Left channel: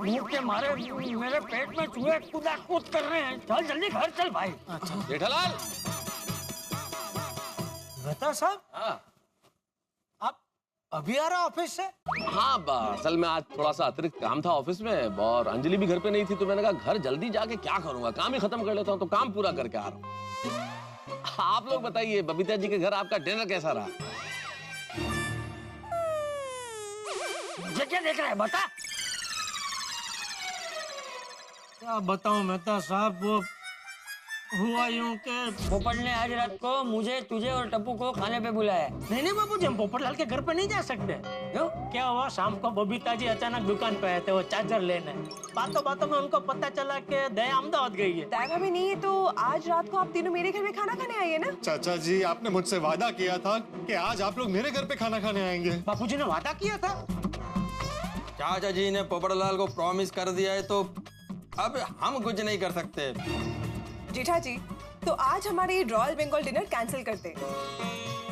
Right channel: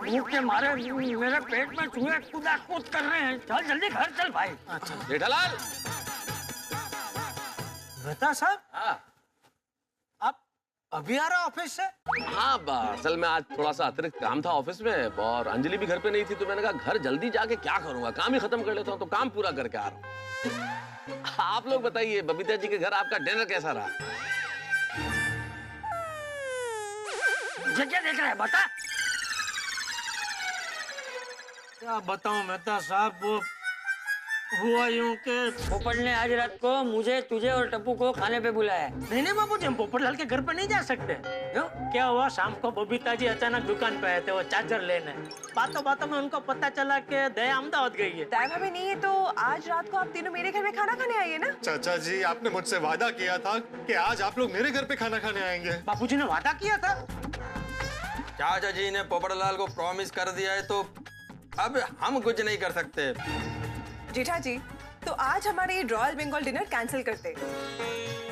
भूख के मारे मेरे पेट में चूहे कूदा कूद कर रहे हैं। चल जल्दी घर चल भाई। अच्छा जेठालाल। मेहता साहब, हाँ आप अभी आ रहे ऑफिस से? हाँ, असल में आज थोड़ा सा अतिरिक्त काम था ऑफिस में और अंजलि भी घर पे नहीं थी, तो मैंने कहा घर जल्दी जाके क्या करूंगा, काम ही खत्म कर लेता हूँ, तो काम पूरा करके आ रहा हूँ। आप लोग बताइए, बबीता जी के घर आपका डिनर कैसा रहा? मुझे क्या देख रहा है, बता। क्या बताऊं मेहता साहब, वो हुआ यूं के पोपट ने आज रात को मुझे, तुझे और टप्पू को खाने पे बुलाया है। नहीं बाबूजी, हम पोपटलाल के घर पे नहीं जा सकते। क्यों? क्या हुआ, शाम को बबीता जी अचानक दुकान पे आए थे वो चार्जर लेने। बातों बातों में उनको पता चला कि दया अहमदाबाद गई है। दया भाभी नहीं है तो आज रात को आप तीनों मेरे घर में खाना खाने आइए ना। चाचा जी, आपने मुझसे वादा किया था कि आज आप लोग मेरे घर पे खाना खाने आएंगे। बापूजी ने वादा किया था। चाचा जी ने पोपटलाल को प्रॉमिस कर दिया है तो अब हम कुछ नहीं कर सकते। जेठा जी, तो आज हमारे ये रॉयल बंगाल डिनर कैंसिल करते।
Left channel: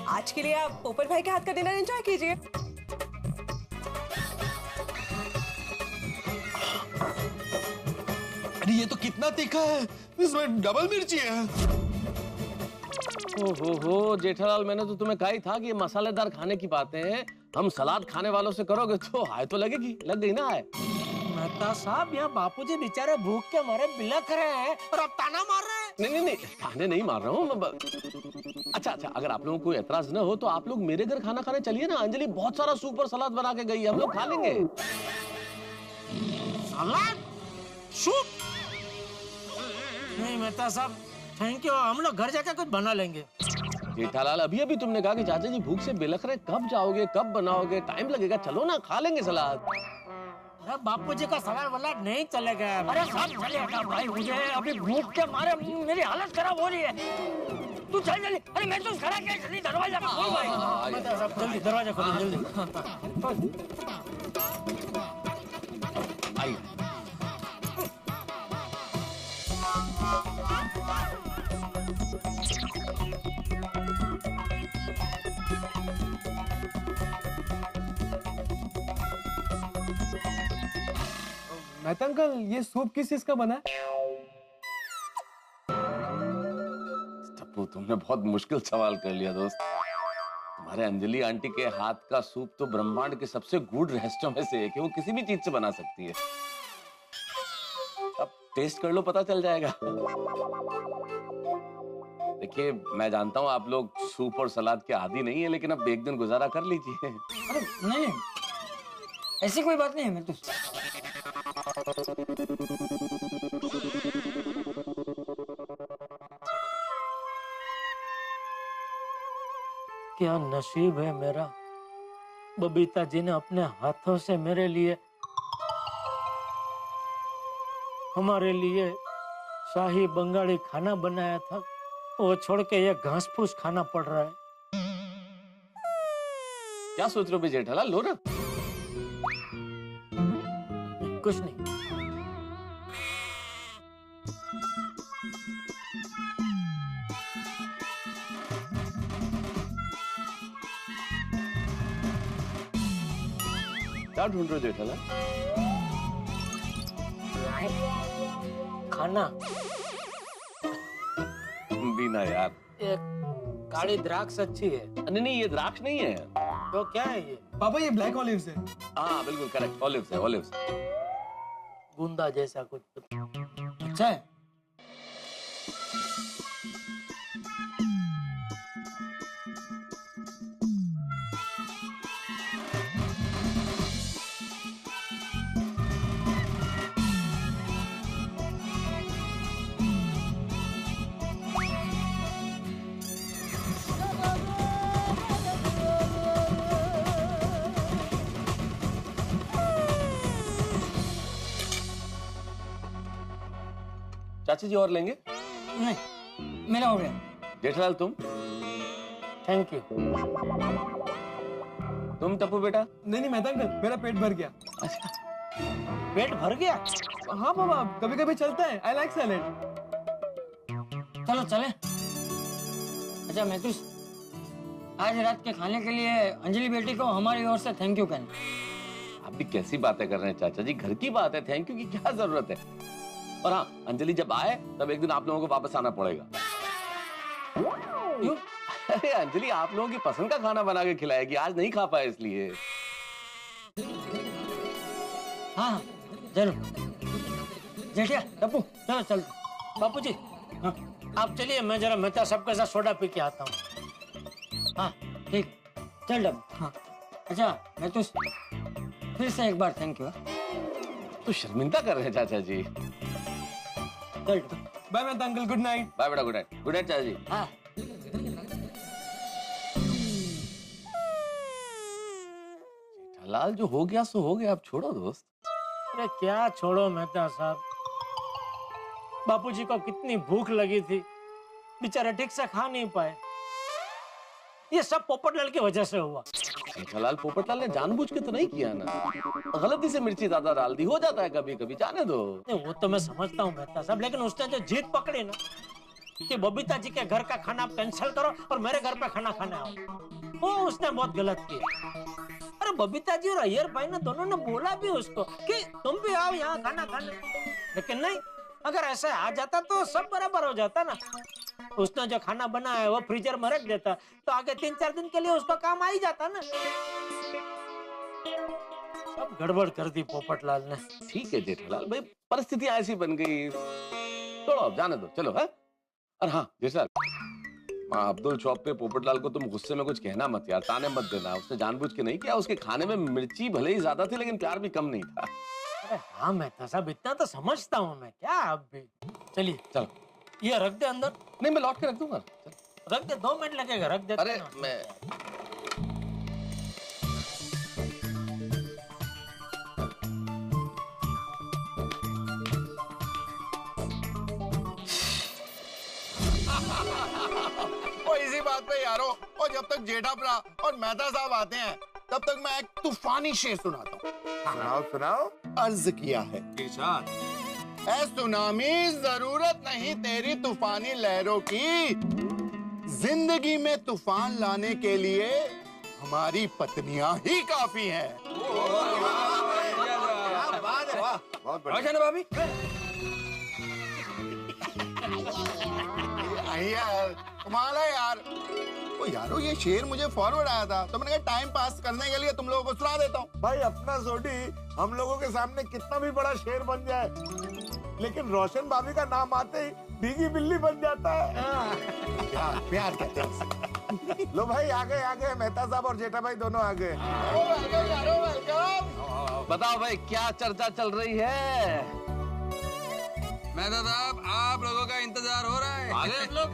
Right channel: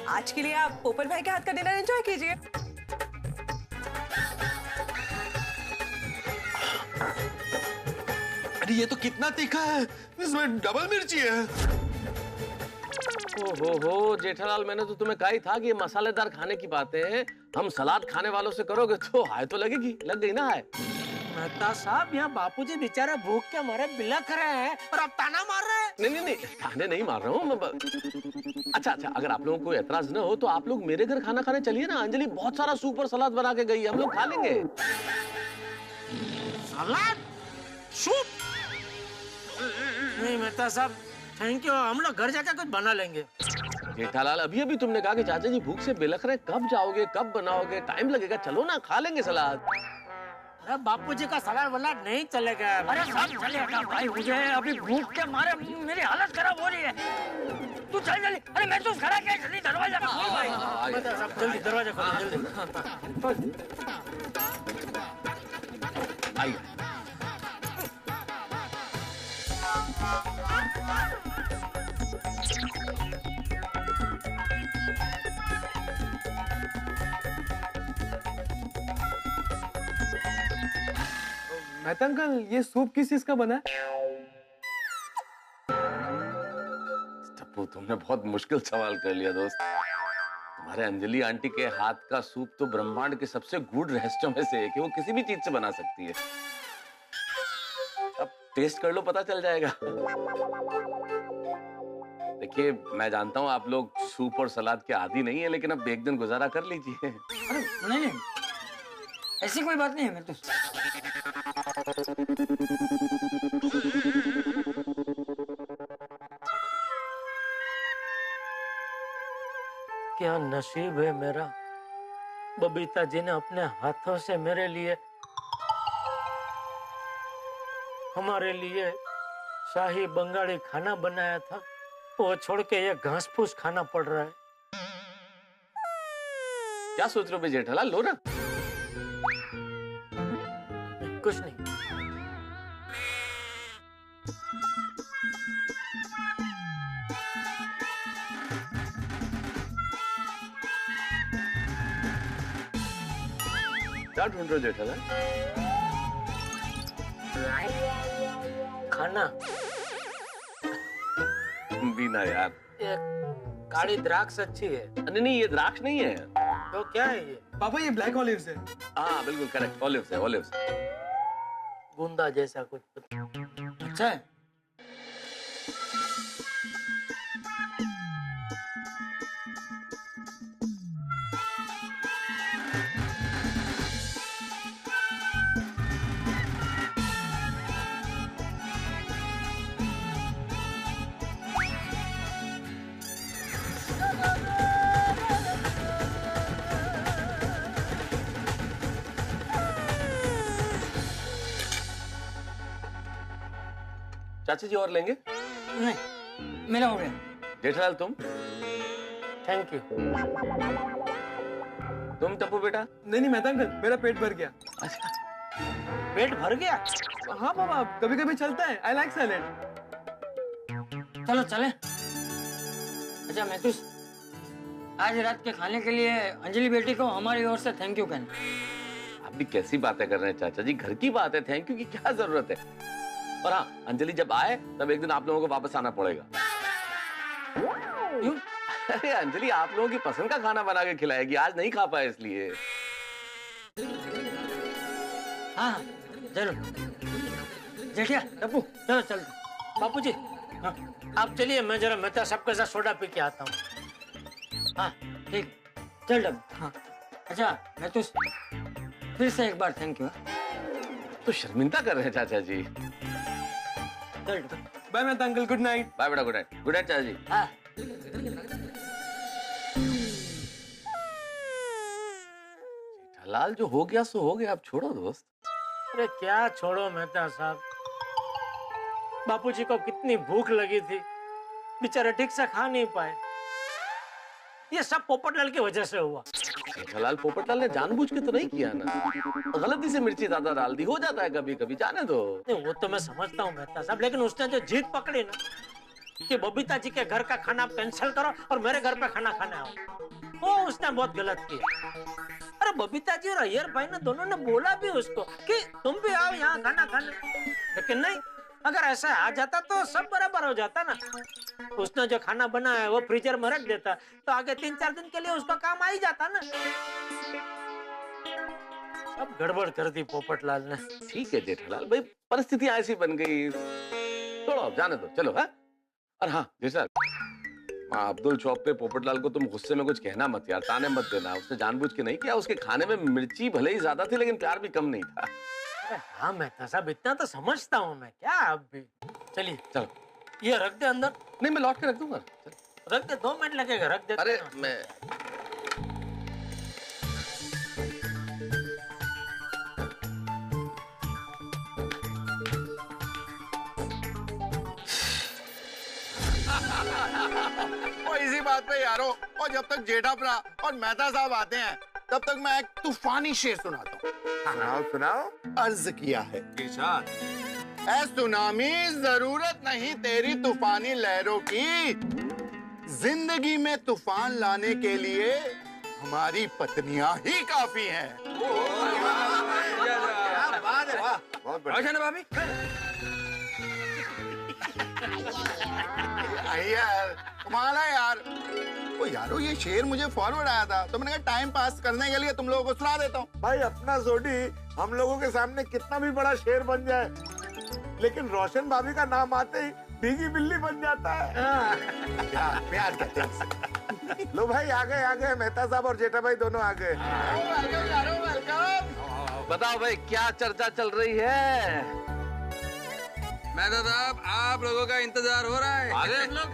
आज के लिए आप पोपट भाई के हाथ का डिनर एंजॉय कीजिए। अरे ये तो कितना तीखा है, इसमें डबल मिर्ची है। हो जेठालाल, मैंने तो तुम्हें कहा ही था कि ये मसालेदार खाने की बातें हैं, हम सलाद खाने वालों से करोगे तो हाय तो लगेगी, लग गई ना हाय। मेहता साहब, यहाँ बापूजी बेचारे भूख के मारे बिलख रहे हैं और आप ताना मार रहे हैं। नहीं, ताने नहीं मार रहा हूँ। अच्छा, अगर आप लोगों को एतराज न हो तो आप लोग मेरे घर खाना खाने चलिए ना। अंजलि बहुत सारा सूप और सलाद बना के गई है, हम लोग खा लेंगे। सलाद, सूप? नहीं मेहता साहब, थैंक यू, हम लोग घर जाकर कुछ बना लेंगे। जेठालाल, अभी तुमने कहा कि चाचा जी भूख से बिलख रहे, कब जाओगे, कब बनाओगे, टाइम लगेगा, चलो ना खा लेंगे सलाद। अरे बापूजी का सलाद वलाद नहीं चलेगा। अरे सब चलेगा भाई, मुझे अभी भूख के मारे मेरी हालत खराब हो रही है। तू चल जल्दी। अरे मैं तो खड़ा क्या, जल्दी दरवाजा खोल भाई। मेहता साहब जल्दी दरवाजा खोलो, जल्दी। आइए। मेहता अंकल, ये सूप किस चीज का बना है? टप्पू, तुमने बहुत मुश्किल सवाल कर लिया दोस्त। तुम्हारे अंजलि आंटी के हाथ का सूप तो ब्रह्मांड के सबसे गूढ़ रहस्यों में से है कि वो किसी भी चीज से बना सकती है। अब टेस्ट कर लो, पता चल जाएगा। देखिए, मैं जानता हूँ आप लोग सूप और सलाद के आदी नहीं है, लेकिन अब एक दिन गुजारा कर लीजिए। अरे नहीं, ऐसी कोई बात नहीं है। मैं तो क्या नसीब है मेरा, बबीता जी ने अपने हाथों से मेरे लिए, हमारे लिए शाही बंगाली खाना बनाया था, वो छोड़ के ये घास फूस खाना पड़ रहा है। क्या सोच रहे हो भाई जेठालाल, लो ना। कुछ नहीं। क्या ढूंढ रहे हो जेठालाल? खाना। बीना यार, ये काली द्राक्ष अच्छी है। नहीं, ये द्राक्ष नहीं है। तो क्या है ये? पापा, ये ब्लैक ऑलिव्स है। हाँ बिल्कुल करेक्ट, ऑलिव्स है, ऑलिव्स। गुंदा जैसा कुछ। अच्छा है। चाची जी और लेंगे? नहीं, मेरा हो गया। जेठालाल तुम? Thank you. तुम टप्पू बेटा? नहीं मेहता अंकल, मेरा पेट भर गया। अच्छा, पेट भर गया? हाँ पापा, कभी कभी चलता है। I like salad. चलो चले। अच्छा महतूस, आज रात के खाने के लिए अंजलि बेटी को हमारी ओर से थैंक यू कहना। आप भी कैसी बातें कर रहे हैं चाचा जी, घर की बात है, थैंक यू की क्या जरूरत है। और हाँ, अंजलि जब आए तब एक दिन आप लोगों को वापस आना पड़ेगा। क्यों? अरे अंजलि आप लोगों की पसंद का खाना बना के खिलाएगी, आज नहीं खा पाए इसलिए। हाँ जरूर। जेठिया टप्पू चलो चल। बापू जी, हाँ, आप चलिए, मैं जरा मेहता साहब के साथ सोडा पी के आता हूँ। हाँ ठीक, चल डब। हाँ अच्छा, मैं तो फिर से एक बार थैंक यू। तो शर्मिंदा कर रहे हैं चाचा जी। चल bye Mehta uncle, good night. Bye बेटा, गुड नाइट। गुड नाइट चाचा जी। हाँ। लाल जो हो गया सो हो गया, अब छोड़ो दोस्त। अरे क्या छोड़ो मेहता साहब, बापूजी को कितनी भूख लगी थी, बेचारे ठीक से खा नहीं पाए। ये सब पोपटलाल की वजह से हुआ। जेठालाल पोपटलाल ने जानबूझ के तो नहीं किया ना, गलती से मिर्ची ज्यादा डाल दी, हो जाता है कभी कभी, जाने दो। नहीं वो तो मैं समझता हूँ मेहता साहब, लेकिन उसने जो जीत पकड़ी ना कि बबीता जी के घर का खाना आप कैंसिल करो और मेरे घर पे खाना खाने आओ, वो उसने बहुत गलत किया। अरे बबीता जी और अय्यर भाई ने दोनों ने बोला भी उसको कि तुम भी आओ यहाँ खाना खाने, लेकिन नहीं, अगर ऐसा आ जाता तो सब बराबर हो जाता ना। उसने जो खाना बनाया है वो फ्रीजर में रख देता तो आगे 3-4 दिन के लिए उसका काम आ ही जाता ना। सब गड़बड़ कर दी पोपटलाल ने। ठीक है जेठालाल भाई, परिस्थितियां ऐसी बन गई, छोड़ो अब, जाने दो, चलो। है और हाँ जेठालाल, अब्दुल शॉप पे पोपटलाल को तुम गुस्से में कुछ कहना मत यार, ताने मत देना, उसने जानबूझ के नहीं किया, उसके खाने में मिर्ची भले ही ज्यादा थी लेकिन प्यार भी कम नहीं था। अरे हाँ मेहता साहब, इतना तो समझता हूँ मैं, क्या अब भी। चलिए चलो, ये रख दे अंदर। नहीं मैं लौट के रख दूंगा। रख दे, 2 मिनट लगेगा, रख दे। अरे मैं इसी बात पे यारो, और जब तक जेठा भरा और मेहता साहब आते हैं तब तक मैं एक तूफानी शेर सुनाता हूँ। सुनाओ सुनाओ। अर्ज किया है ऐ सुनामी, जरूरत नहीं तेरी तूफानी लहरों की, जिंदगी में तूफान लाने के लिए हमारी पत्नियां ही काफी हैं। बहुत बढ़िया। ना भाभी, यार कमाल है यार। ओ यारो, ये शेर मुझे फॉरवर्ड आया था तो मैंने कहा टाइम पास करने के लिए तुम लोगों को सुना देता हूँ। भाई अपना सोडी हम लोगों के सामने कितना भी बड़ा शेर बन जाए, लेकिन रोशन भाभी का नाम आते ही भीगी बिल्ली बन जाता है। प्यार कहते हैं। लो भाई आ गए मेहता साहब और जेठा भाई दोनों आ गए। वेलकम यारो, वेलकम। बताओ भाई क्या चर्चा चल रही है? मेहता साहब आप लोगों का इंतजार हो रहा है। आगे हम लोग।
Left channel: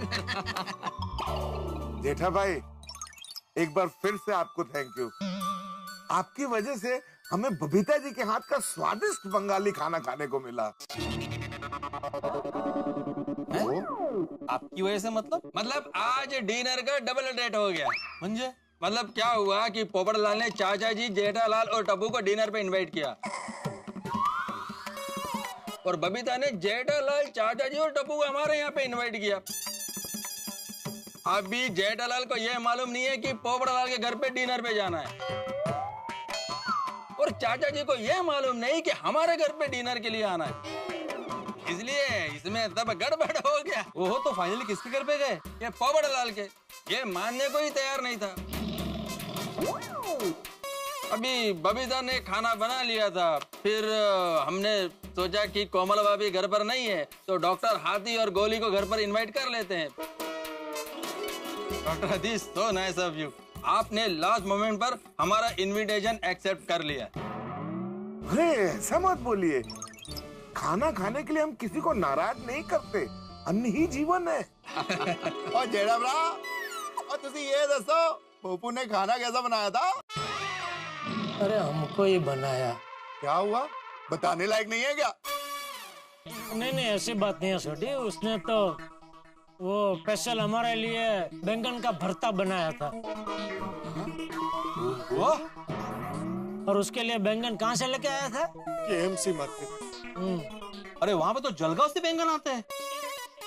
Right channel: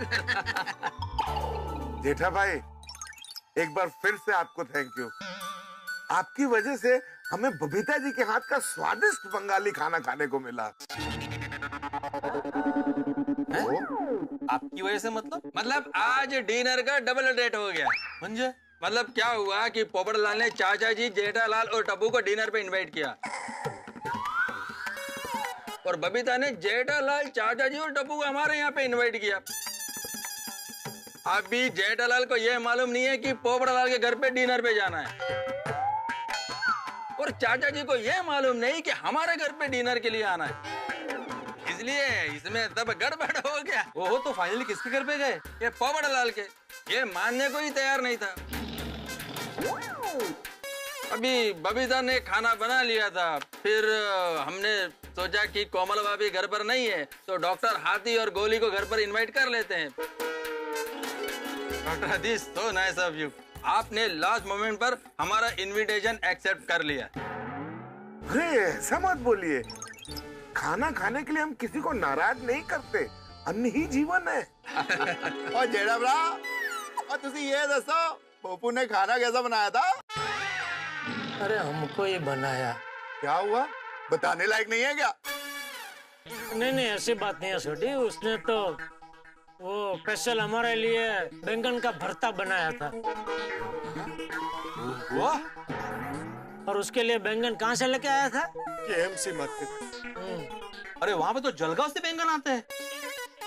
जेठा भाई एक बार फिर से आपको थैंक यू, आपकी वजह से हमें बबीता जी के हाथ का स्वादिष्ट बंगाली खाना खाने को मिला। आपकी वजह से मतलब आज डिनर का डबल डेट हो गया। मुझे मतलब क्या हुआ कि पोपटलाल ने चाचा जी, जेठालाल और टप्पू को डिनर पे इनवाइट किया और बबीता ने जेठालाल, चाचा जी और टप्पू को हमारे यहाँ पे इनवाइट किया। अभी जेठालाल को यह मालूम नहीं है कि पोपटलाल के घर पे डिनर पे जाना है और चाचा जी को यह मालूम नहीं कि हमारे घर पे डिनर के लिए आना है, इसलिए इसमें तब गड़बड़ हो गया। ओहो, तो फाइनली किसके घर पे गए? ये पोपटलाल के, ये मानने को ही तैयार नहीं था। अभी बबीता ने खाना बना लिया था, फिर हमने सोचा कि कोमल भाभी घर पर नहीं है तो डॉक्टर हाथी और गोली को घर पर इनवाइट कर लेते हैं। डॉक्टर हदीस, so nice of you, आपने लास्ट मोमेंट पर हमारा इनविटेशन एक्सेप्ट कर लिया। अरे ऐसा मत बोलिए, खाना खाने के लिए हम किसी को नाराज नहीं करते, अन्न ही जीवन है। और जेठा भरा, और तुसी ये दसो पप्पू ने खाना कैसा बनाया था? अरे हमको ही बनाया। क्या हुआ, बताने लायक नहीं है क्या? नहीं ऐसी बात नहीं है छोटी, उसने तो वो स्पेशल हमारे लिए बैंगन का भरता बनाया था। वो और उसके लिए बैंगन कहाँ से लेके आया था? KMC market. अरे वहाँ पे तो जलगांव से बैंगन आते हैं।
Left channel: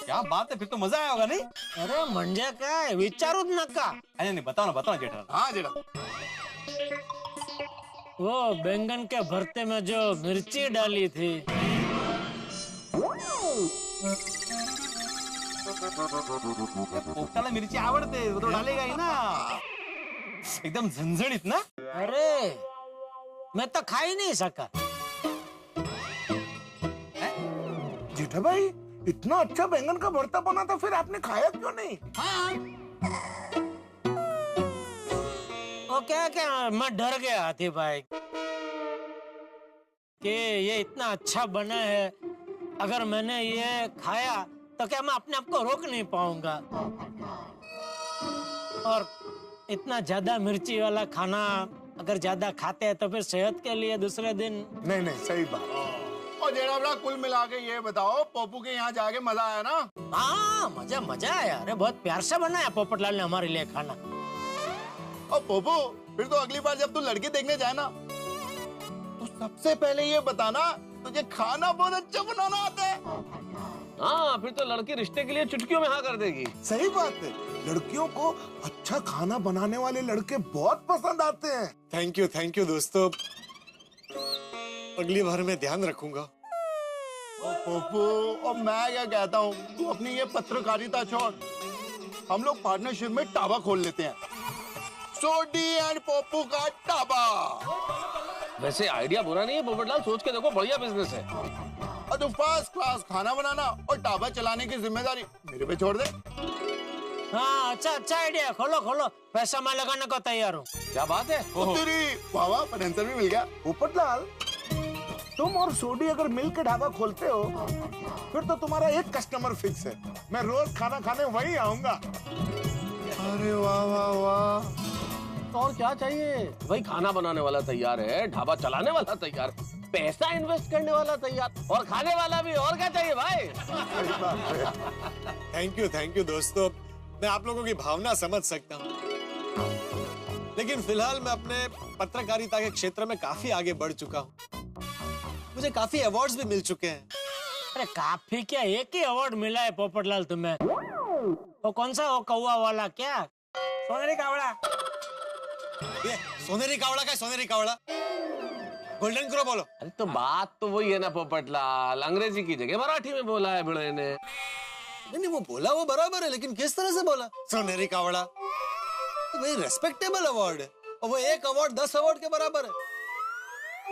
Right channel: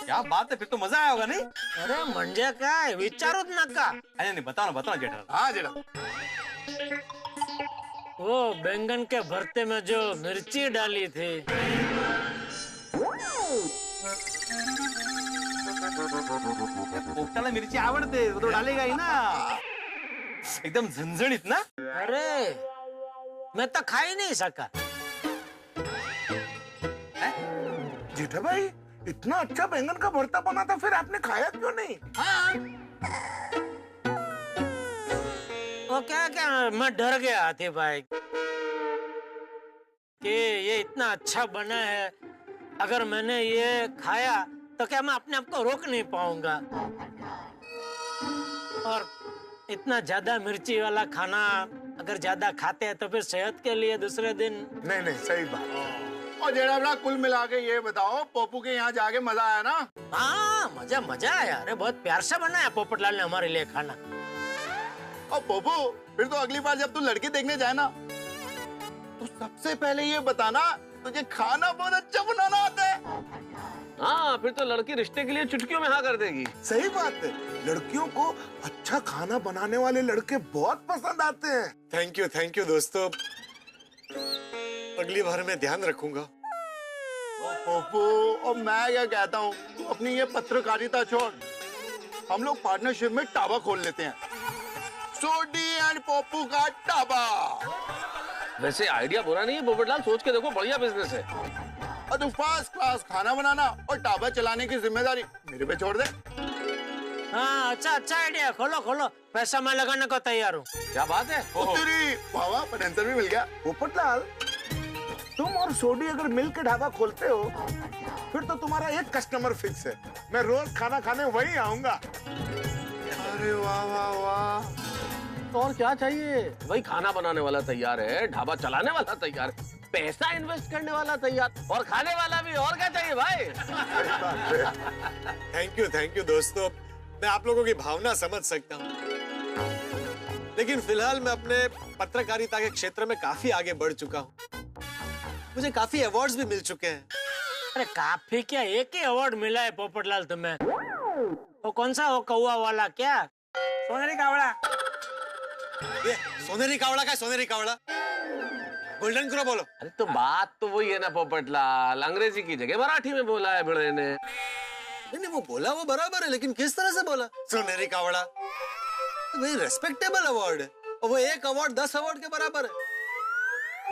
क्या बात है, फिर तो मजा आया होगा नहीं? अरे म्हणजे काय विचारूच नका। नहीं बताओ ना जेठा। हाँ जेठा, वो बैंगन के भरते में जो मिर्ची डाली थी। पोपटाला मिरची आवडते, वो तो डालेगा ही ना। एकदम झणझणीत ना। अरे मैं तो खा ही नहीं सका। जेठा भाई, इतना अच्छा बैंगन का भरता बना था, फिर आपने खाया क्यों नहीं? वो क्या मैं डर गया हाथी भाई कि ये इतना अच्छा बना है, अगर मैंने ये खाया तो क्या मैं अपने आप को रोक नहीं पाऊंगा। और इतना ज्यादा मिर्ची वाला खाना अगर ज्यादा खाते हैं तो फिर सेहत के लिए दूसरे दिन। नहीं नहीं, सही बात। और जेड़ा कुल मिला के ये बताओ, पोपू के यहाँ जाके मजा आया ना? हाँ, मजा आया। अरे बहुत प्यार से बनाया पोपटलाल ने हमारे लिए खाना। और पोपू, फिर तो अगली बार जब तू लड़की देखने जाए ना, तो सबसे पहले ये बताना तुझे खाना बहुत अच्छा बनाना आता है। हाँ, फिर तो लड़की रिश्ते के लिए चुटकियों में हाँ कर देगी। सही बात है, लड़कियों को अच्छा खाना बनाने वाले लड़के बहुत पसंद आते हैं। थैंक यू दोस्तों, अगली बार मैं ध्यान रखूंगा। पोपू, और मैं क्या कहता हूँ, तू अपनी ये पत्रकारिता छोड़, हम लोग पार्टनरशिप में ढाबा खोल लेते हैं, सोडी एंड पोपू का ढाबा। वैसे आइडिया बुरा नहीं है पोपटलाल, सोच के देखो, बढ़िया बिजनेस है। और तू फर्स्ट क्लास खाना बनाना और ढाबा चलाने की जिम्मेदारी मेरे पे छोड़ दे। हाँ, अच्छा आइडिया। खोलो, पैसा मैं लगाने को तैयार हूँ। क्या बात है? तेरी वाह, आंसर भी मिल गया। पोपटलाल, तुम और सोडी अगर मिल के ढाबा खोलते हो, फिर तो तुम्हारा एक कस्टमर फिक्स है, मैं रोज खाना खाने वही आऊंगा। अरे वाह। तो और क्या चाहिए? भाई खाना बनाने वाला तैयार है, ढाबा चलाने वाला तैयार है, पैसा इन्वेस्ट करने वाला तैयार, और खाने वाला भी। और क्या चाहिए भाई? थैंक यू दोस्तों, मैं आप लोगों की भावना समझ सकता हूँ, लेकिन फिलहाल मैं अपने पत्रकारिता के क्षेत्र में काफी आगे बढ़ चुका हूँ। मुझे काफी अवार्ड्स भी मिल चुके हैं। अरे काफी क्या, एक ही अवार्ड मिला है पोपटलाल तुम्हें। वो कौन सा, वो कौवा वाला क्या? सोनेरी कावड़ा। ये सोनेरी कावड़ा का, सोनेरी कावड़ा गोल्डन क्रो बोलो। अरे तो बात तो वही है ना पोपटलाल, अंग्रेजी की जगह मराठी में बोला है भिड़े ने। नहीं, वो बोला वो बराबर है, लेकिन किस तरह से बोला? सोनेरी कावड़ा भाई रेस्पेक्टेबल अवार्ड है, और वो एक अवार्ड 10 अवार्ड के बराबर है।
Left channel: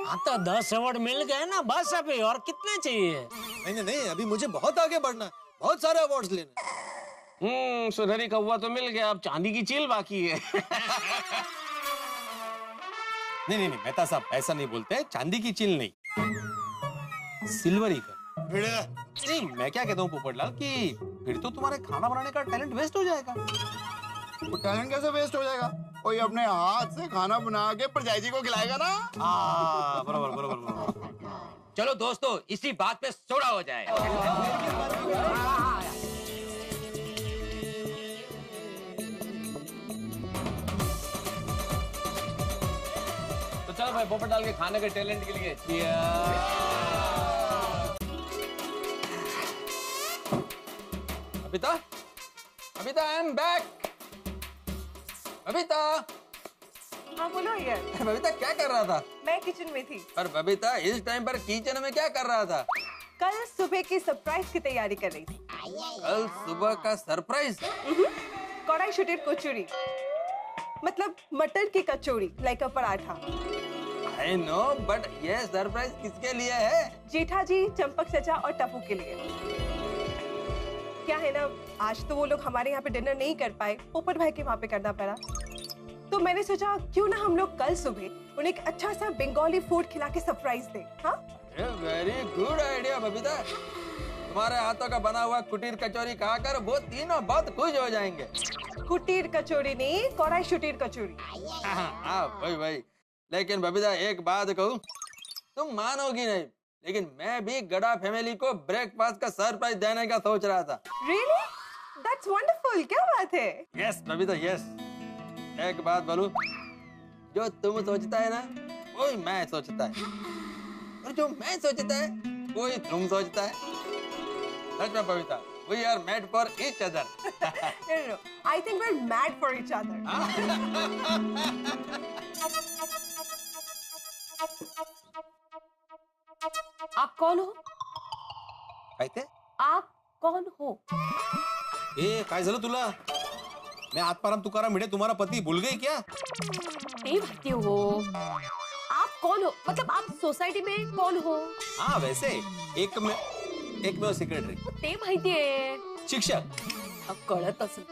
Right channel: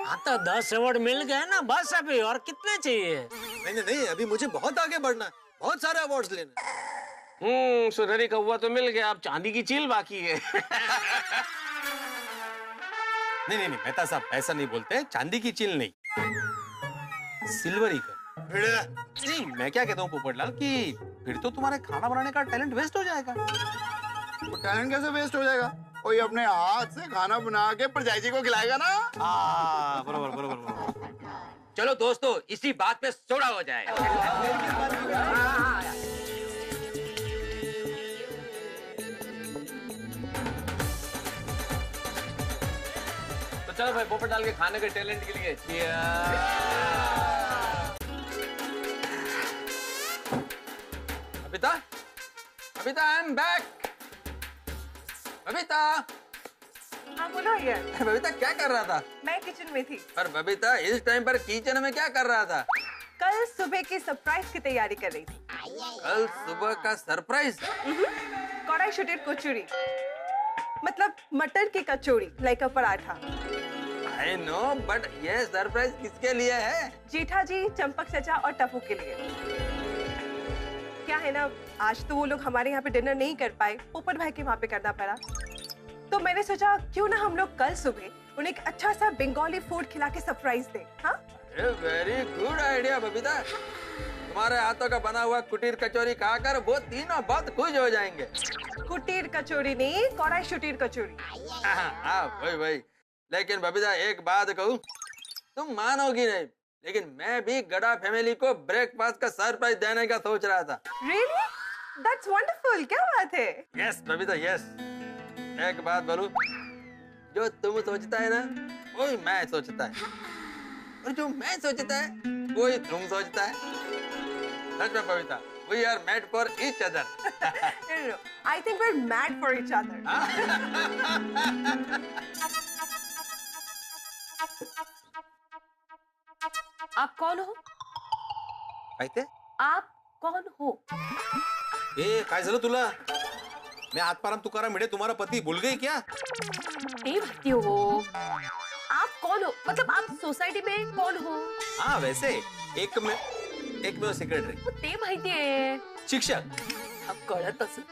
हाँ तो 10 अवार्ड मिल गए ना, बस अभी और कितने चाहिए? नहीं, अभी मुझे बहुत आगे बढ़ना है, बहुत सारे अवार्ड्स लेने। सुनहरी कौवा तो मिल गया, अब चांदी की चील बाकी है। नहीं, मेहता साहब ऐसा नहीं बोलते, चांदी की चील नहीं, सिल्वरी का। नहीं, मैं क्या कहता हूँ पोपटलाल कि फिर तो तुम्हारे खाना बनाने का टैलेंट वेस्ट हो जाएगा। वो टैलेंट कैसे वेस्ट हो जाएगा? कोई अपने हाथ से खाना बना के परजाई जी को खिलाएगा ना। बराबर। चलो दोस्तों, इसी बात पे सोडा हो जाए। तो चलो भाई, पोपटलाल के खाने के टैलेंट के लिए Babita, I am back. Babita, हाँ बोलो यार। बबीता क्या कर रहा था? मैं किचन में थी। पर बबीता, इस टाइम पर किचन में क्या कर रहा था? कल सुबह की सरप्राइज की तैयारी कर रही थी। कल सुबह का सरप्राइज? कढ़ाई शुटीर कचौड़ी, मतलब मटर की kachori, like a paratha. I know, but ये सरप्राइज किसके लिए है? जेठा जी, चंपक चचा और टप्पू के लिए। क्या है ना, आज तो वो लोग हमारे यहाँ पे डिनर नहीं कर पाए, पोपट भाई के वहाँ पे करना पड़ा। तो मैंने सोचा क्यों ना हम लोग कल सुबह उन्हें एक अच्छा सा बंगाली फूड खिला के सरप्राइज दें। हाँ, वेरी गुड आइडिया बबीता। तुम्हारे हाथों का बना हुआ कुटीर कचौरी खाकर वो तीनों बहुत खुश हो जाएंगे। कुटीर कचौड़ी नहीं, कढ़ाई शुटीर कचौड़ी। हाँ, वही। लेकिन बबीता, एक बात कहूँ, तुम मानोगी नहीं, लेकिन मैं भी गड़ा फैमिली को ब्रेकफास्ट का सरप्राइज देने का सोच रहा था। Really? That's wonderful. क्या बात है? Yes Babita, yes. एक बात बोलूं, जो तुम सोचता है ना, वही मैं सोचता है, और जो मैं सोचता है वही तुम सोचता है। सच में Babita, we are made for each other. No. I think we're mad for each other. आप कौन हो? काय ते? आप कौन हो? ए काय झालं तुला? मैं आत्माराम तुकाराम भिडे तुम्हारा पति भूल गई क्या? नहीं भाती हो। आप कौन हो? मतलब आप सोसाइटी में कौन हो? हाँ वैसे एक में सेक्रेटरी, ते माहिती आहे. शिक्षक. कळत असेल.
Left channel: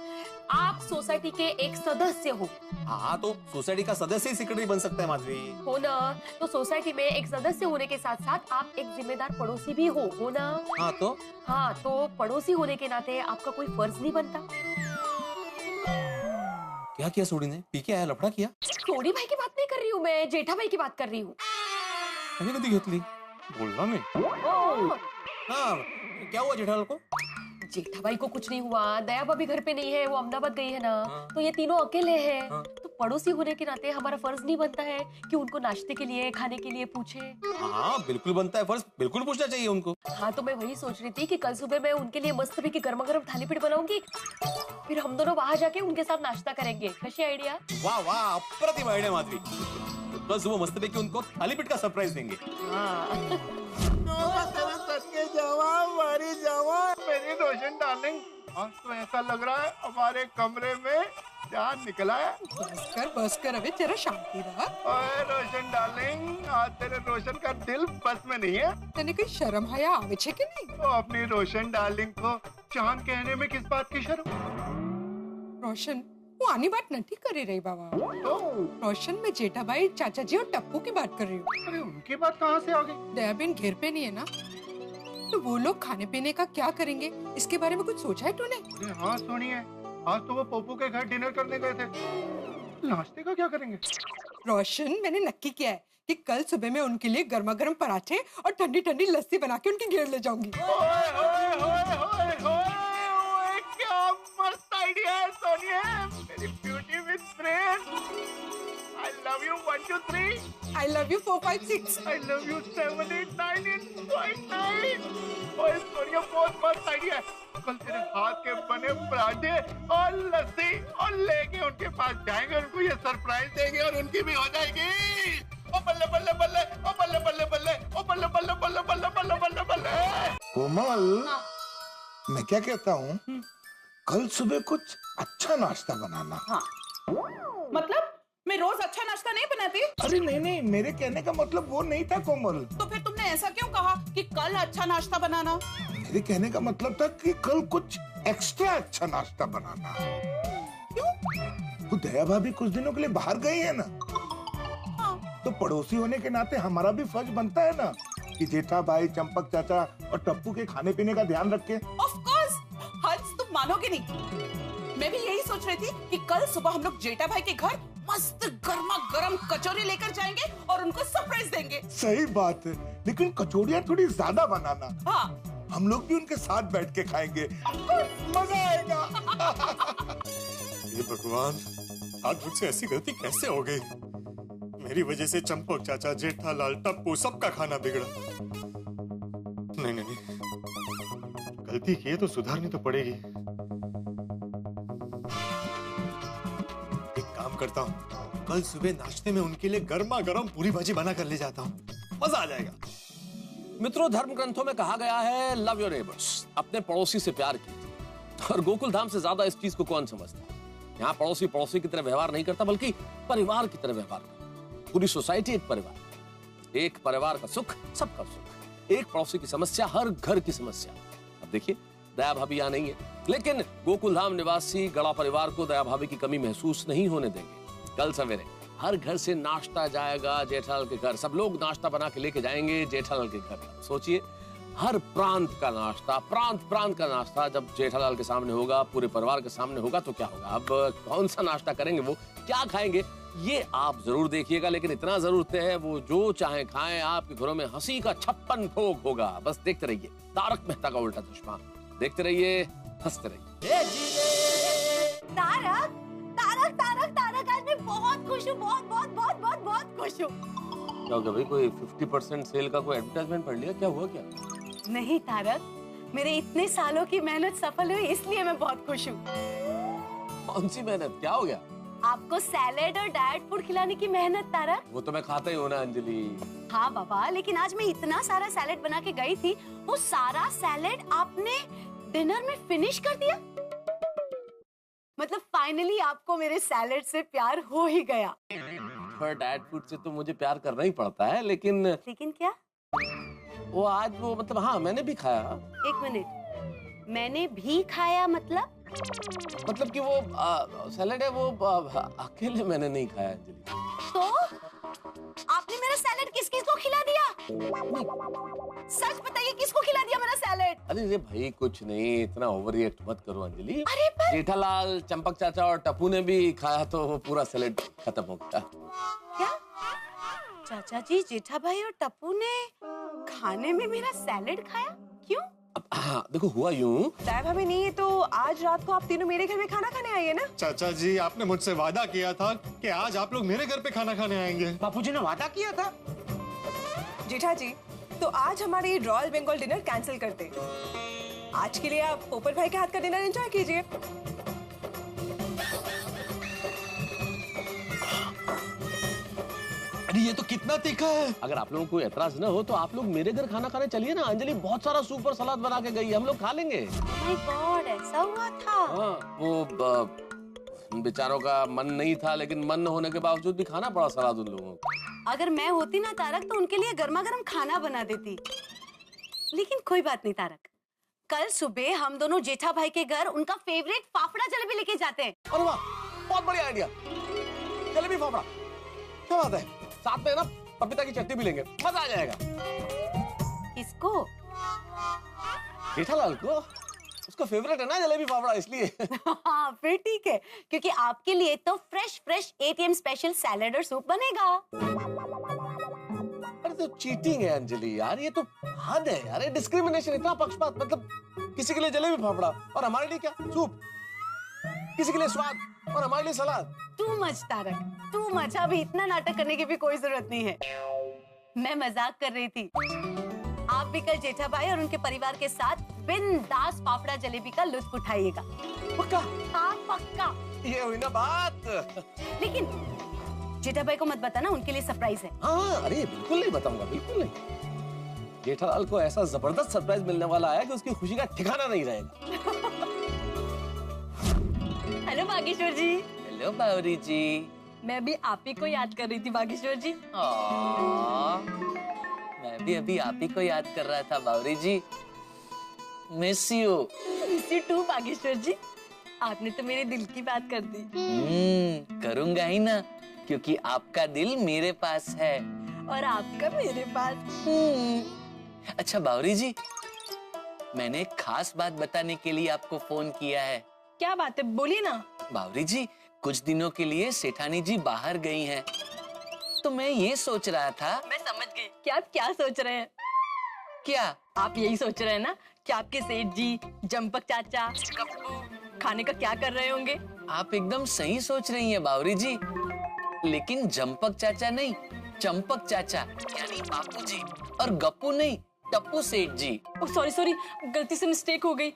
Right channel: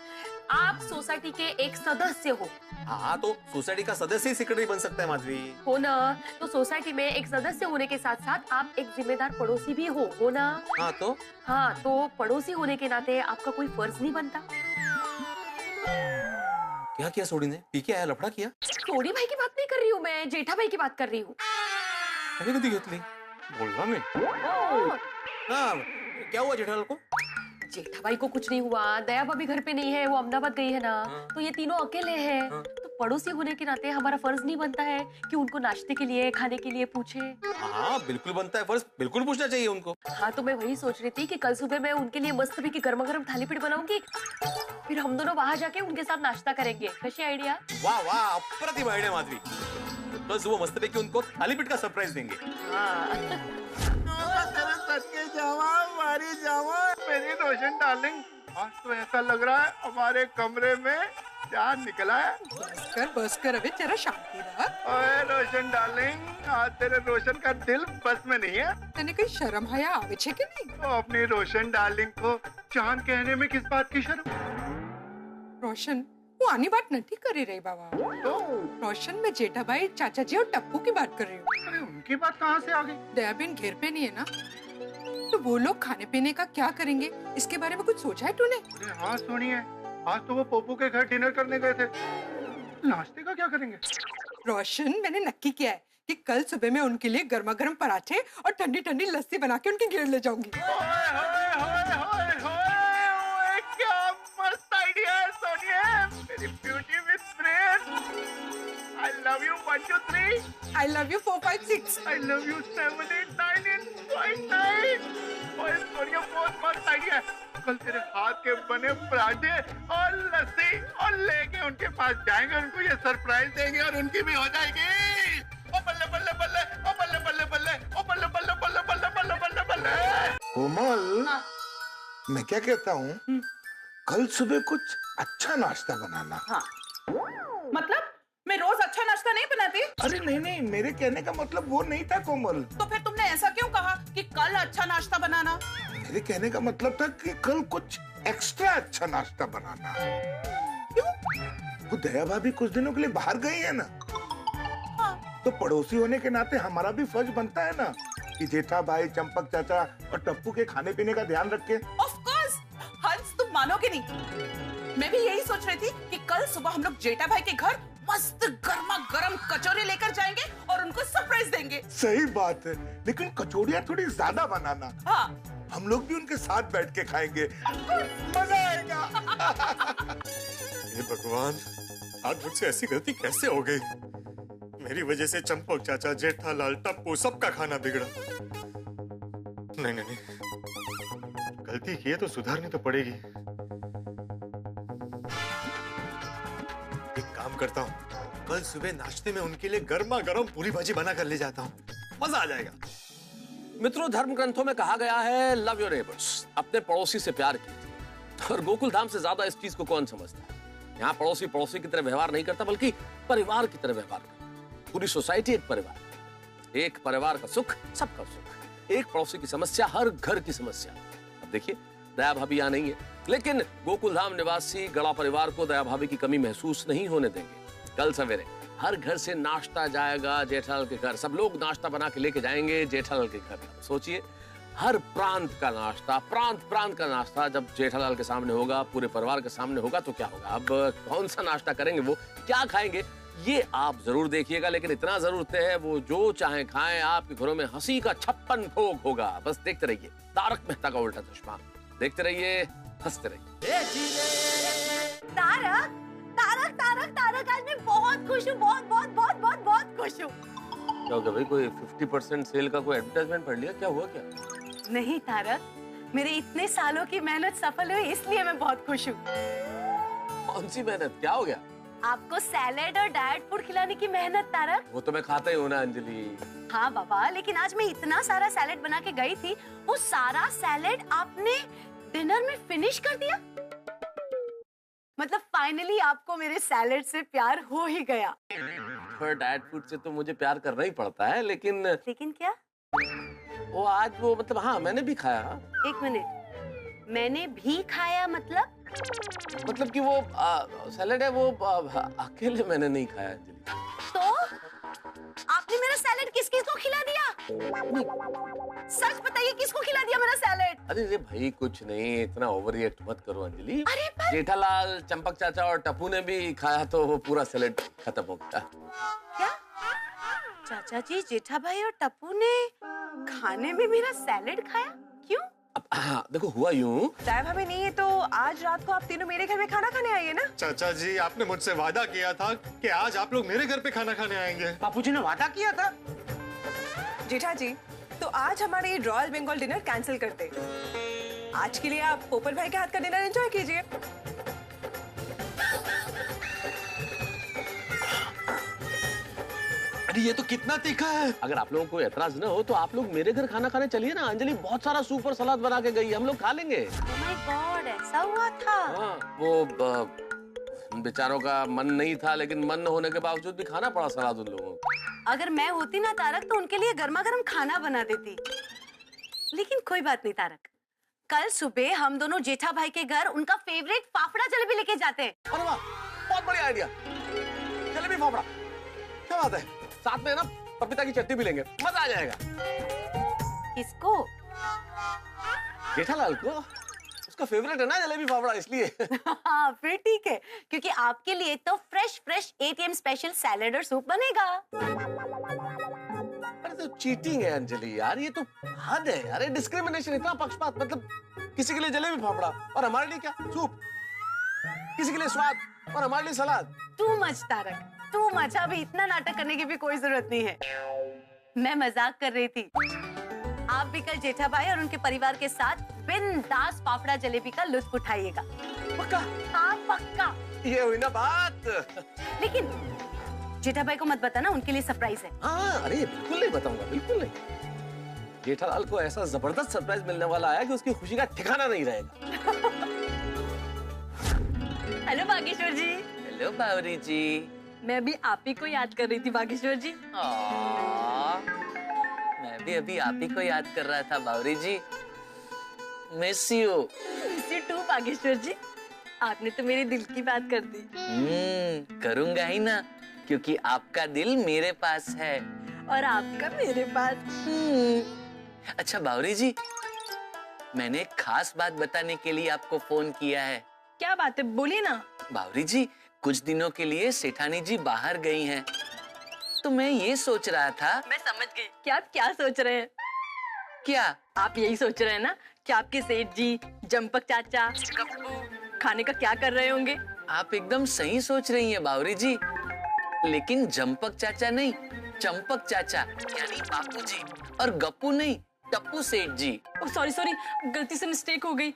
आप सोसाइटी के एक सदस्य हो. हाँ तो सोसाइटी का सदस्य ही सेक्रेटरी बन सकता है माधवी. हो ना. तो सोसाइटी में एक सदस्य होने के साथ साथ आप एक जिम्मेदार पड़ोसी भी हो ना. हाँ तो पड़ोसी होने के नाते आपका कोई फर्ज नहीं बनता. क्या किया सोडी ने? पी के आया, लफड़ा किया? सोडी भाई की बात नहीं कर रही हूँ मैं, जेठा भाई की बात कर रही हूँ. मैंने कभी घेतली बोलना नहीं. हाँ क्या हुआ जेठालाल को? जेठा भाई को कुछ नहीं हुआ. दया भाभी घर पे नहीं है, वो अहमदाबाद गई है ना. तो ये तीनों अकेले हैं. तो पड़ोसी होने के नाते हमारा फर्ज नहीं बनता है कि उनको नाश्ते के लिए, खाने के लिए पूछे. हाँ बिल्कुल बनता है फर्ज, बिल्कुल पूछना चाहिए उनको. हाँ तो मैं वही सोच रही थी कि कल सुबह मैं उनके लिए मस्त भी की गर्मा गर्म थाली पीठ बनाऊंगी, फिर हम दोनों वहां जाके उनके साथ नाश्ता करेंगे. कैसी आइडिया? वाह वाह, अप्रतिम आइडिया माधवी. कल सुबह मस्त पैकी उनको थाली पीठ का सरप्राइज देंगे. मारी जावा मेरी रोशन डार्लिंग, आज तो ऐसा लग रहा है हमारे कमरे में चांद निकला है. बस कर अबे, तेरा शांति रहा. ओए रोशन डार्लिंग, आज तेरे रोशन का दिल बस में नहीं है. तने कोई शर्म हया आवे छे कि नहीं? तो अपनी रोशन डार्लिंग को चांद कहने में किस बात की शर्म? रोशन वो आनी बात नहीं कर रही बाबा. तो रोशन में जेठा भाई, चाचा जी और टप्पू की बात कर रही हूँ. अरे उनकी बात कहाँ से आ गई? दयाबेन घर पे नहीं है ना, तो वो लोग खाने पीने का क्या करेंगे, इसके बारे में कुछ सोचा है तूने? अरे हाँ सुनिए, आज तो वो पोपू के घर डिनर करने गए थे. नाश्ते का क्या करेंगे? रोशन मैंने नक्की किया है कि कल सुबह मैं उनके लिए गर्मा गर्म पराठे और ठंडी ठंडी लस्सी बना के उनके घेर ले जाऊंगी. होए, होए, होए, होए, होए, ओए, क्या मस्त आइडिया है सोनिया, मेरी beauty with brain. I love you 1 2 3. I love you 4 5 6. I love you 7 8 9 9. ओए सोनिया बहुत मस्त आइडिया है. कल तेरे हाथ के बने पराठे और लस्सी और लेके उनके पास जाएंगे, उनको ये सरप्राइज देंगे और उनकी भी हो जाएगी. ओ बल्ले बल्ले बल्ले, ओ बल्ले बल्ले बल्ले, ओ बल्ले बल्ले बल्ले बल्ले बल्ले बल्ले बल्ले. कोमल, मैं क्या कहता हूँ, कल सुबह कुछ अच्छा नाश्ता बनाना. हाँ. मतलब मैं रोज अच्छा नाश्ता नहीं बनाती? अरे नहीं नहीं, मेरे कहने का मतलब वो नहीं था कोमल. तो फिर तुमने ऐसा क्यों कहा कि कल अच्छा नाश्ता बनाना? मेरे कहने का मतलब था कि कल कुछ एक्स्ट्रा अच्छा नाश्ता बनाना. क्यों? वो दया भाभी कुछ दिनों के लिए बाहर गई है ना. हाँ. तो पड़ोसी होने के नाते हमारा भी फर्ज बनता है ना कि जेठा भाई, चंपक चाचा और टप्पू के खाने पीने का ध्यान रखे. Of course. हंस तुम मानोगे नहीं, मैं भी यही सोच रही थी कि कल सुबह हम लोग जेठा भाई के घर मस्त गर्मा गर्म कचौरी लेकर जाएंगे और उनको सरप्राइज देंगे. सही बात है, लेकिन कचौड़ियाँ थोड़ी ज्यादा बनाना. हाँ. हम लोग भी उनके साथ बैठ के खाएंगे, मजा आएगा. हे भगवान, आज मुझसे ऐसी गलती कैसे हो गई? मेरी वजह से चंपक चाचा, जेठालाल, टप्पू सबका खाना बिगड़ा. नहीं नहीं नहीं, गलती की है तो सुधारनी तो पड़ेगी. एक काम करता हूँ, कल सुबह नाश्ते में उनके लिए गर्मा गर्म पूरी भाजी बना कर ले जाता हूँ, मजा आ जाएगा. मित्रों, धर्म ग्रंथों में कहा गया है लव योर नेबर्स, अपने पड़ोसी से प्यार कीजिए. और गोकुल धाम से ज्यादा इस चीज को कौन समझता है? यहाँ पड़ोसी पड़ोसी की तरह व्यवहार नहीं करता, बल्कि परिवार की तरह व्यवहार करता. पूरी सोसाइटी एक परिवार, एक परिवार का सुख सबका सुख, एक पड़ोसी की समस्या हर घर की समस्या. अब देखिए, दया भाभी यहाँ नहीं है, लेकिन गोकुल धाम निवासी गड़ा परिवार को दया भाभी की कमी महसूस नहीं होने देंगे. कल सवेरे हर घर से नाश्ता जाएगा जेठालाल के घर. सब लोग नाश्ता बना के लेके जाएंगे जेठालाल के घर. सोचिए, हर प्रांत का नाश्ता, प्रांत का नाश्ता जब जेठालाल के सामने होगा, पूरे परिवार के सामने होगा, तो क्या होगा? अब कौन सा नाश्ता करेंगे, वो क्या खाएंगे, ये आप जरूर देखिएगा. लेकिन इतना जरूर तय है, वो जो चाहे खाएं, आपके घरों में हंसी का 56 भोग होगा. बस देखते रहिए तारक मेहता का उल्टा चश्मा. देखते रहिए, हंसते रहिए. तारक तारक तारक तारक, आज मैं बहुत खुश हूँ, बहुत बहुत बहुत बहुत बहुत खुश हूँ. क्या हो गया भाई? कोई 50% सेल का कोई एडवर्टाइजमेंट पढ़ लिया? क्या हुआ क्या? नहीं तारक, मेरे इतने सालों की मेहनत सफल हुई, इसलिए मैं बहुत खुश हूँ. कौन सी मेहनत? क्या हो गया? आपको सैलेड और डाइट फूड खिलाने की मेहनत तारक। वो तो मैं खाता ही हूँ ना अंजलि। हाँ बाबा, लेकिन आज मैं इतना सारा सैलेड बना के गई थी, वो सारा सैलेड आपने डिनर में फिनिश कर दिया। मतलब फाइनली आपको मेरे सैलेड से प्यार हो ही गया। पर डाइट फूड से तो मुझे प्यार करना ही पड़ता है, लेकिन क्या? वो आज वो मतलब हाँ मैंने भी खाया। एक मिनट, मैंने भी खाया मतलब कि वो सैलेड है वो अकेले मैंने नहीं खाया अंजलि। तो आपने मेरा सैलेड किस किस को खिला दिया? सच बताइए, किसको खिला दिया मेरा सैलेड? अरे भाई कुछ नहीं, इतना ओवर रिएक्ट मत करो अंजलि। अरे पर... जेठालाल, चंपक चाचा और टप्पू ने भी खाया तो वो पूरा सैलेड खत्म हो गया। क्या? चाचा जी, जेठा भाई और टप्पू ने खाने में मेरा सैलेड खाया? क्यों? अब हाँ देखो हुआ यूं, साहब हमें नहीं है तो आज रात को आप तीनों मेरे घर में खाना खाने आइए ना। चाचा जी आपने मुझसे वादा किया था कि आज आप लोग मेरे घर पे खाना खाने आएंगे। बापूजी ने वादा किया था। जेठा जी, तो आज हमारे रॉयल बंगाल डिनर कैंसिल करते। आज के लिए आप पोपट भाई के हाथ का डिनर एंजॉय कीजिए। अरे ये तो कितना तीखा है। अगर आप लोगों को एतराज न हो तो आप लोग मेरे घर खाना खाने चलिए ना। अंजलि बहुत सारा सूप और सलाद बना के गई, हम लोग खा लेंगे। Oh my God, ऐसा हुआ था? हाँ, वो बेचारों का मन नहीं था, लेकिन मन न होने के बावजूद भी खाना पड़ा सलाद उन लोगों को। अगर मैं होती ना तारक तो उनके लिए गर्मा गर्म खाना बना देती। लेकिन कोई बात नहीं तारक, कल सुबह हम दोनों जेठा भाई के घर उनका फेवरेट फाफड़ा जलेबी लेके जाते हैं। अरे वाह, बहुत बढ़िया आइडिया। जलेबी फाफड़ा, क्या बात है। साथ में ना पपीता की चटनी भी लेंगे, मजा आ जाएगा। किसको? जेठालाल को, उसका फेवरेट है ना जलेबी फाफड़ा, इसलिए। हाँ फिर ठीक है, क्योंकि आपके लिए तो फ्रेश एटीएम स्पेशल सैलेड और सूप बनेगा। अरे तो चीटिंग है अंजलि यार, ये तो हद है यार। डिस्क्रिमिनेशन, इतना पक्षपात। मतलब किसी के लिए जलेबी फाफड़ा और हमारे लिए क्या सूप, किसी के लिए स्वाद और हमारे लिए सलाद। Too much Tarak, too much. अभी इतना नाटक करने की भी कोई जरूरत नहीं है। मैं मजाक कर रही थी। आप भी कल जेठा भाई और उनके परिवार के साथ बिंदास फाफड़ा जलेबी का लुत्फ उठाइएगा। पक्का? हाँ पक्का। ये हुई ना बात। लेकिन जेठा भाई को मत बताना, उनके लिए सरप्राइज है। हाँ अरे बिल्कुल नहीं बताऊंगा, बिल्कुल नहीं। जेठालाल को ऐसा जबरदस्त सरप्राइज मिलने वाला है कि उसकी खुशी का ठिकाना नहीं रहेगा। हेलो बागेश्वर जी। हेलो बावरी जी। मैं भी आप ही को याद कर रही थी बागेश्वर जी। मैं भी अभी आप ही को याद कर रहा था Bawri ji. Miss you. Miss you too Bageshwar ji. आपने तो मेरे दिल की बात कर दी। करूंगा ही ना, क्योंकि आपका दिल मेरे पास है और आपका मेरे पास। अच्छा बावरी जी, मैंने एक खास बात बताने के लिए आपको फोन किया है। क्या बात है, बोलिए ना। बावरी जी, कुछ दिनों के लिए सेठानी जी बाहर गई हैं, तो मैं ये सोच रहा था। मैं समझ गई कि आप क्या सोच रहे हैं। क्या? आप यही सोच रहे हैं ना कि आपके सेठ जी, जंपक चाचा, कप्पू खाने का क्या कर रहे होंगे। आप एकदम सही सोच रही हैं बावरी जी, लेकिन जंपक चाचा नहीं, चंपक चाचा यानी बापू जी, और गप्पू नहीं, टप्पू सेठ जी। सॉरी, गलती से मिस्टेक हो गई।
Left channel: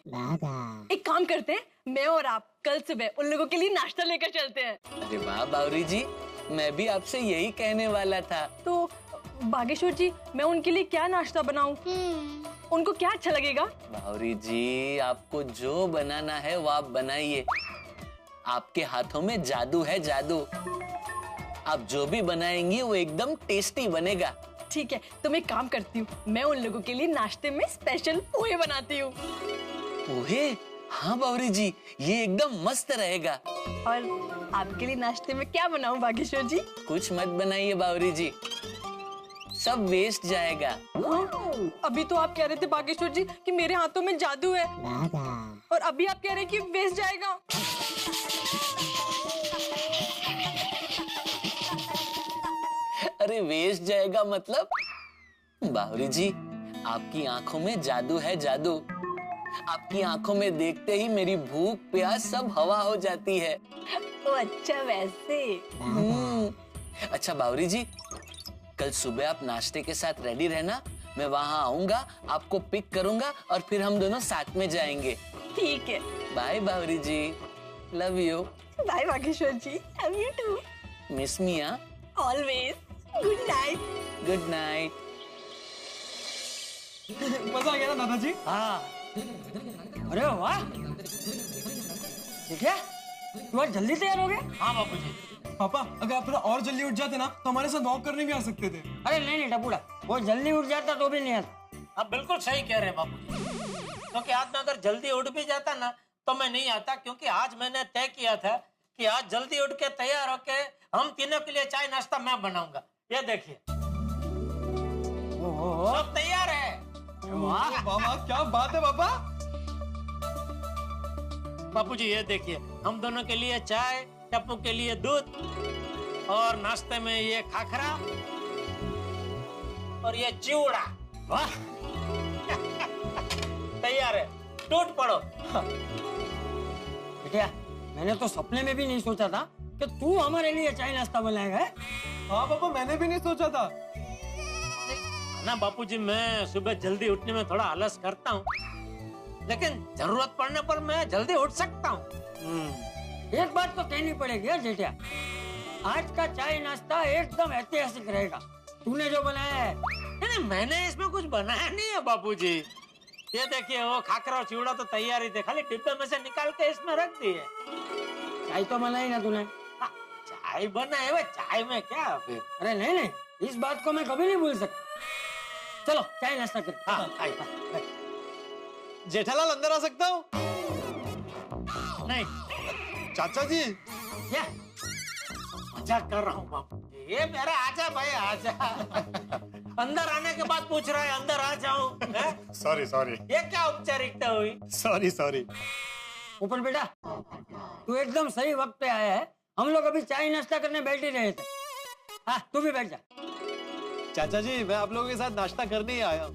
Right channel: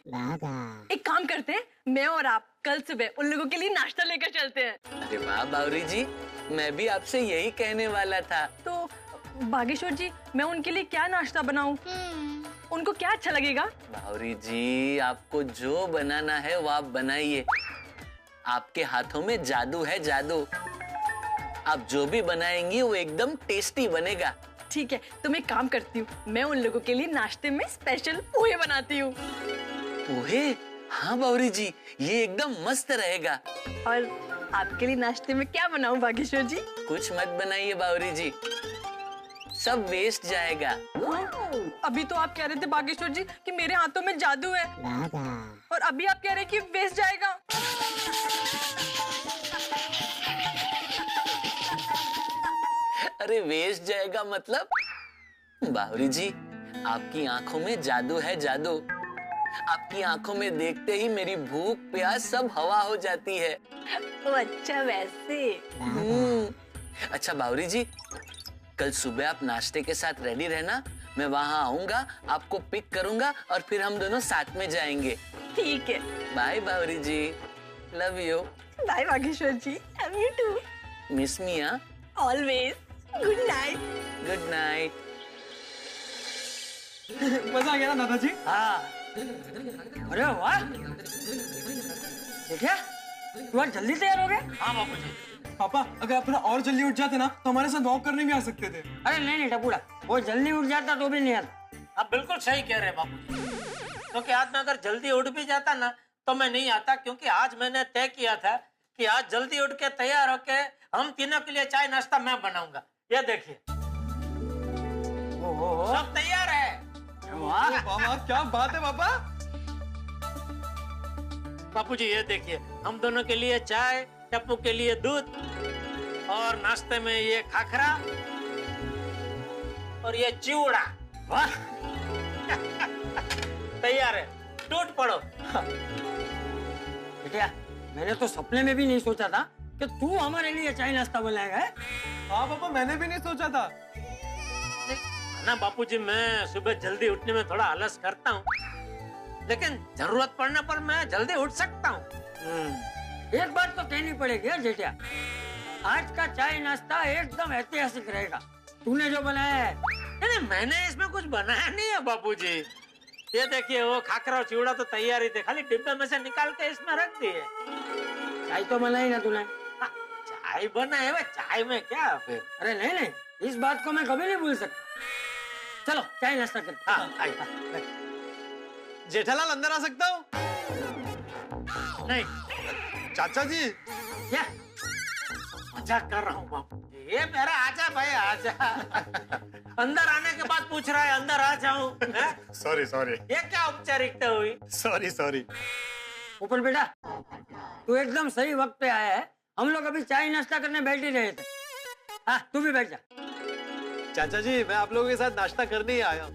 एक काम करते हैं, मैं और आप कल सुबह उन लोगों के लिए नाश्ता लेकर चलते हैं। अरे वाह बावरी जी, मैं भी आपसे यही कहने वाला था। तो बागेश्वर जी, मैं उनके लिए क्या नाश्ता बनाऊं? उनको क्या अच्छा लगेगा? बावरी जी, आपको जो बनाना है वो आप बनाइए। आपके हाथों में जादू है, जादू। आप जो भी बनाएंगी वो एकदम टेस्टी बनेगा। ठीक है, तो मैं काम करती हूँ, मैं उन लोगों के लिए नाश्ते में स्पेशल पोहे बनाती हूँ। पोहे? हाँ बावरी जी, ये एकदम मस्त रहेगा। और आपके लिए नाश्ते में क्या बनाऊं बागेश्वर जी? कुछ मत बनाइए बावरी जी, सब वेस्ट जाएगा। अभी तो आप कह रहे थे बागेश्वर जी कि मेरे हाथों में जादू है, और अभी आप कह रहे हैं कि वेस्ट जाएगा। अरे वेस्ट जाएगा मतलब? बावरी जी, आपकी आंखों में जादू है, जादू। आपकी आंखों में देखते ही मेरी भूख प्यास सब हवा हो जाती है। तो अच्छा वैसे। अच्छा बावरी जी, कल सुबह आप नाश्ते के साथ रेडी रहना, मैं वहाँ आऊंगा, आपको पिक करूंगा और फिर हम दोनों साथ में जाएंगे। ठीक है। Bye Bawri ji, love you. Bye Bageshwar ji, love you too. Miss me हाँ? Always. Good night. Good night. मजा आ गया ना दादाजी? हाँ। अरे वाह देखिए तू आज जल्दी तैयार हो गया। हाँ बापूजी। पापा अगर आप थोड़ा और जल्दी उठ जाते ना तो हमारे साथ वॉक करने भी आ सकते थे। अरे नहीं टपूड़ा, वो जल्दी उठ जाता तो भी नहीं आता। आप बिल्कुल सही कह रहे हैं बापूजी, क्योंकि आज मैं अगर जल्दी उठ भी जाता ना तो मैं नहीं आता, क्योंकि आज मैंने तय किया था कि आज जल्दी उठ के तैयार होके हम तीनों के लिए चाय नाश्ता मैं बनाऊंगा। ये देखिए सब तैयार है। वाह पापा क्या बात है पापा। बापूजी ये देखिए हम दोनों के लिए चाय, टप्पू के लिए दूध और नाश्ते में ये खाखरा और ये चिवड़ा। वाह तैयार है, टूट पड़ो। बेटिया मैंने तो सपने में भी नहीं सोचा था कि तू हमारे लिए चाय नाश्ता बनाएगा। हाँ पापा मैंने भी नहीं सोचा था ना बापूजी, मैं सुबह जल्दी उठने में थोड़ा आलस करता हूँ, लेकिन जरूरत पड़ने पर मैं जल्दी उठ सकता हूँ। एक बात तो कहनी पड़ेगी यार जेठिया, आज का चाय नाश्ता एकदम ऐतिहासिक रहेगा। तूने जो बनाया है। नहीं मैंने इसमें कुछ बनाया नहीं है बापूजी। ये देखिए वो खाकरा और चिवड़ा तो तैयार ही थे, खाली डिब्बे में से निकाल के इसमें रख दिए। चाय तो बनाई ना तूने? चाय बनाए हुए, चाय में क्या फिर? अरे नहीं, इस बात को मैं कभी नहीं भूल सकता। चलो चाय नाश्ता कर। हाँ, जेठालाल अंदर आ सकता हूँ? नहीं। चाचा जी क्या मजाक कर रहा हूँ बापू, ये मेरा आजा भाई आजा। अंदर आने के बाद पूछ रहा है अंदर आ जाऊं? सॉरी ये क्या औपचारिकता हुई? सॉरी ऊपर बेटा तू एकदम सही वक्त पे आया है, हम लोग अभी चाय नाश्ता करने बैठ ही रहे थे। हाँ तू भी बैठ जा। चाचा जी मैं आप लोगों के साथ नाश्ता करने ही आया हूँ,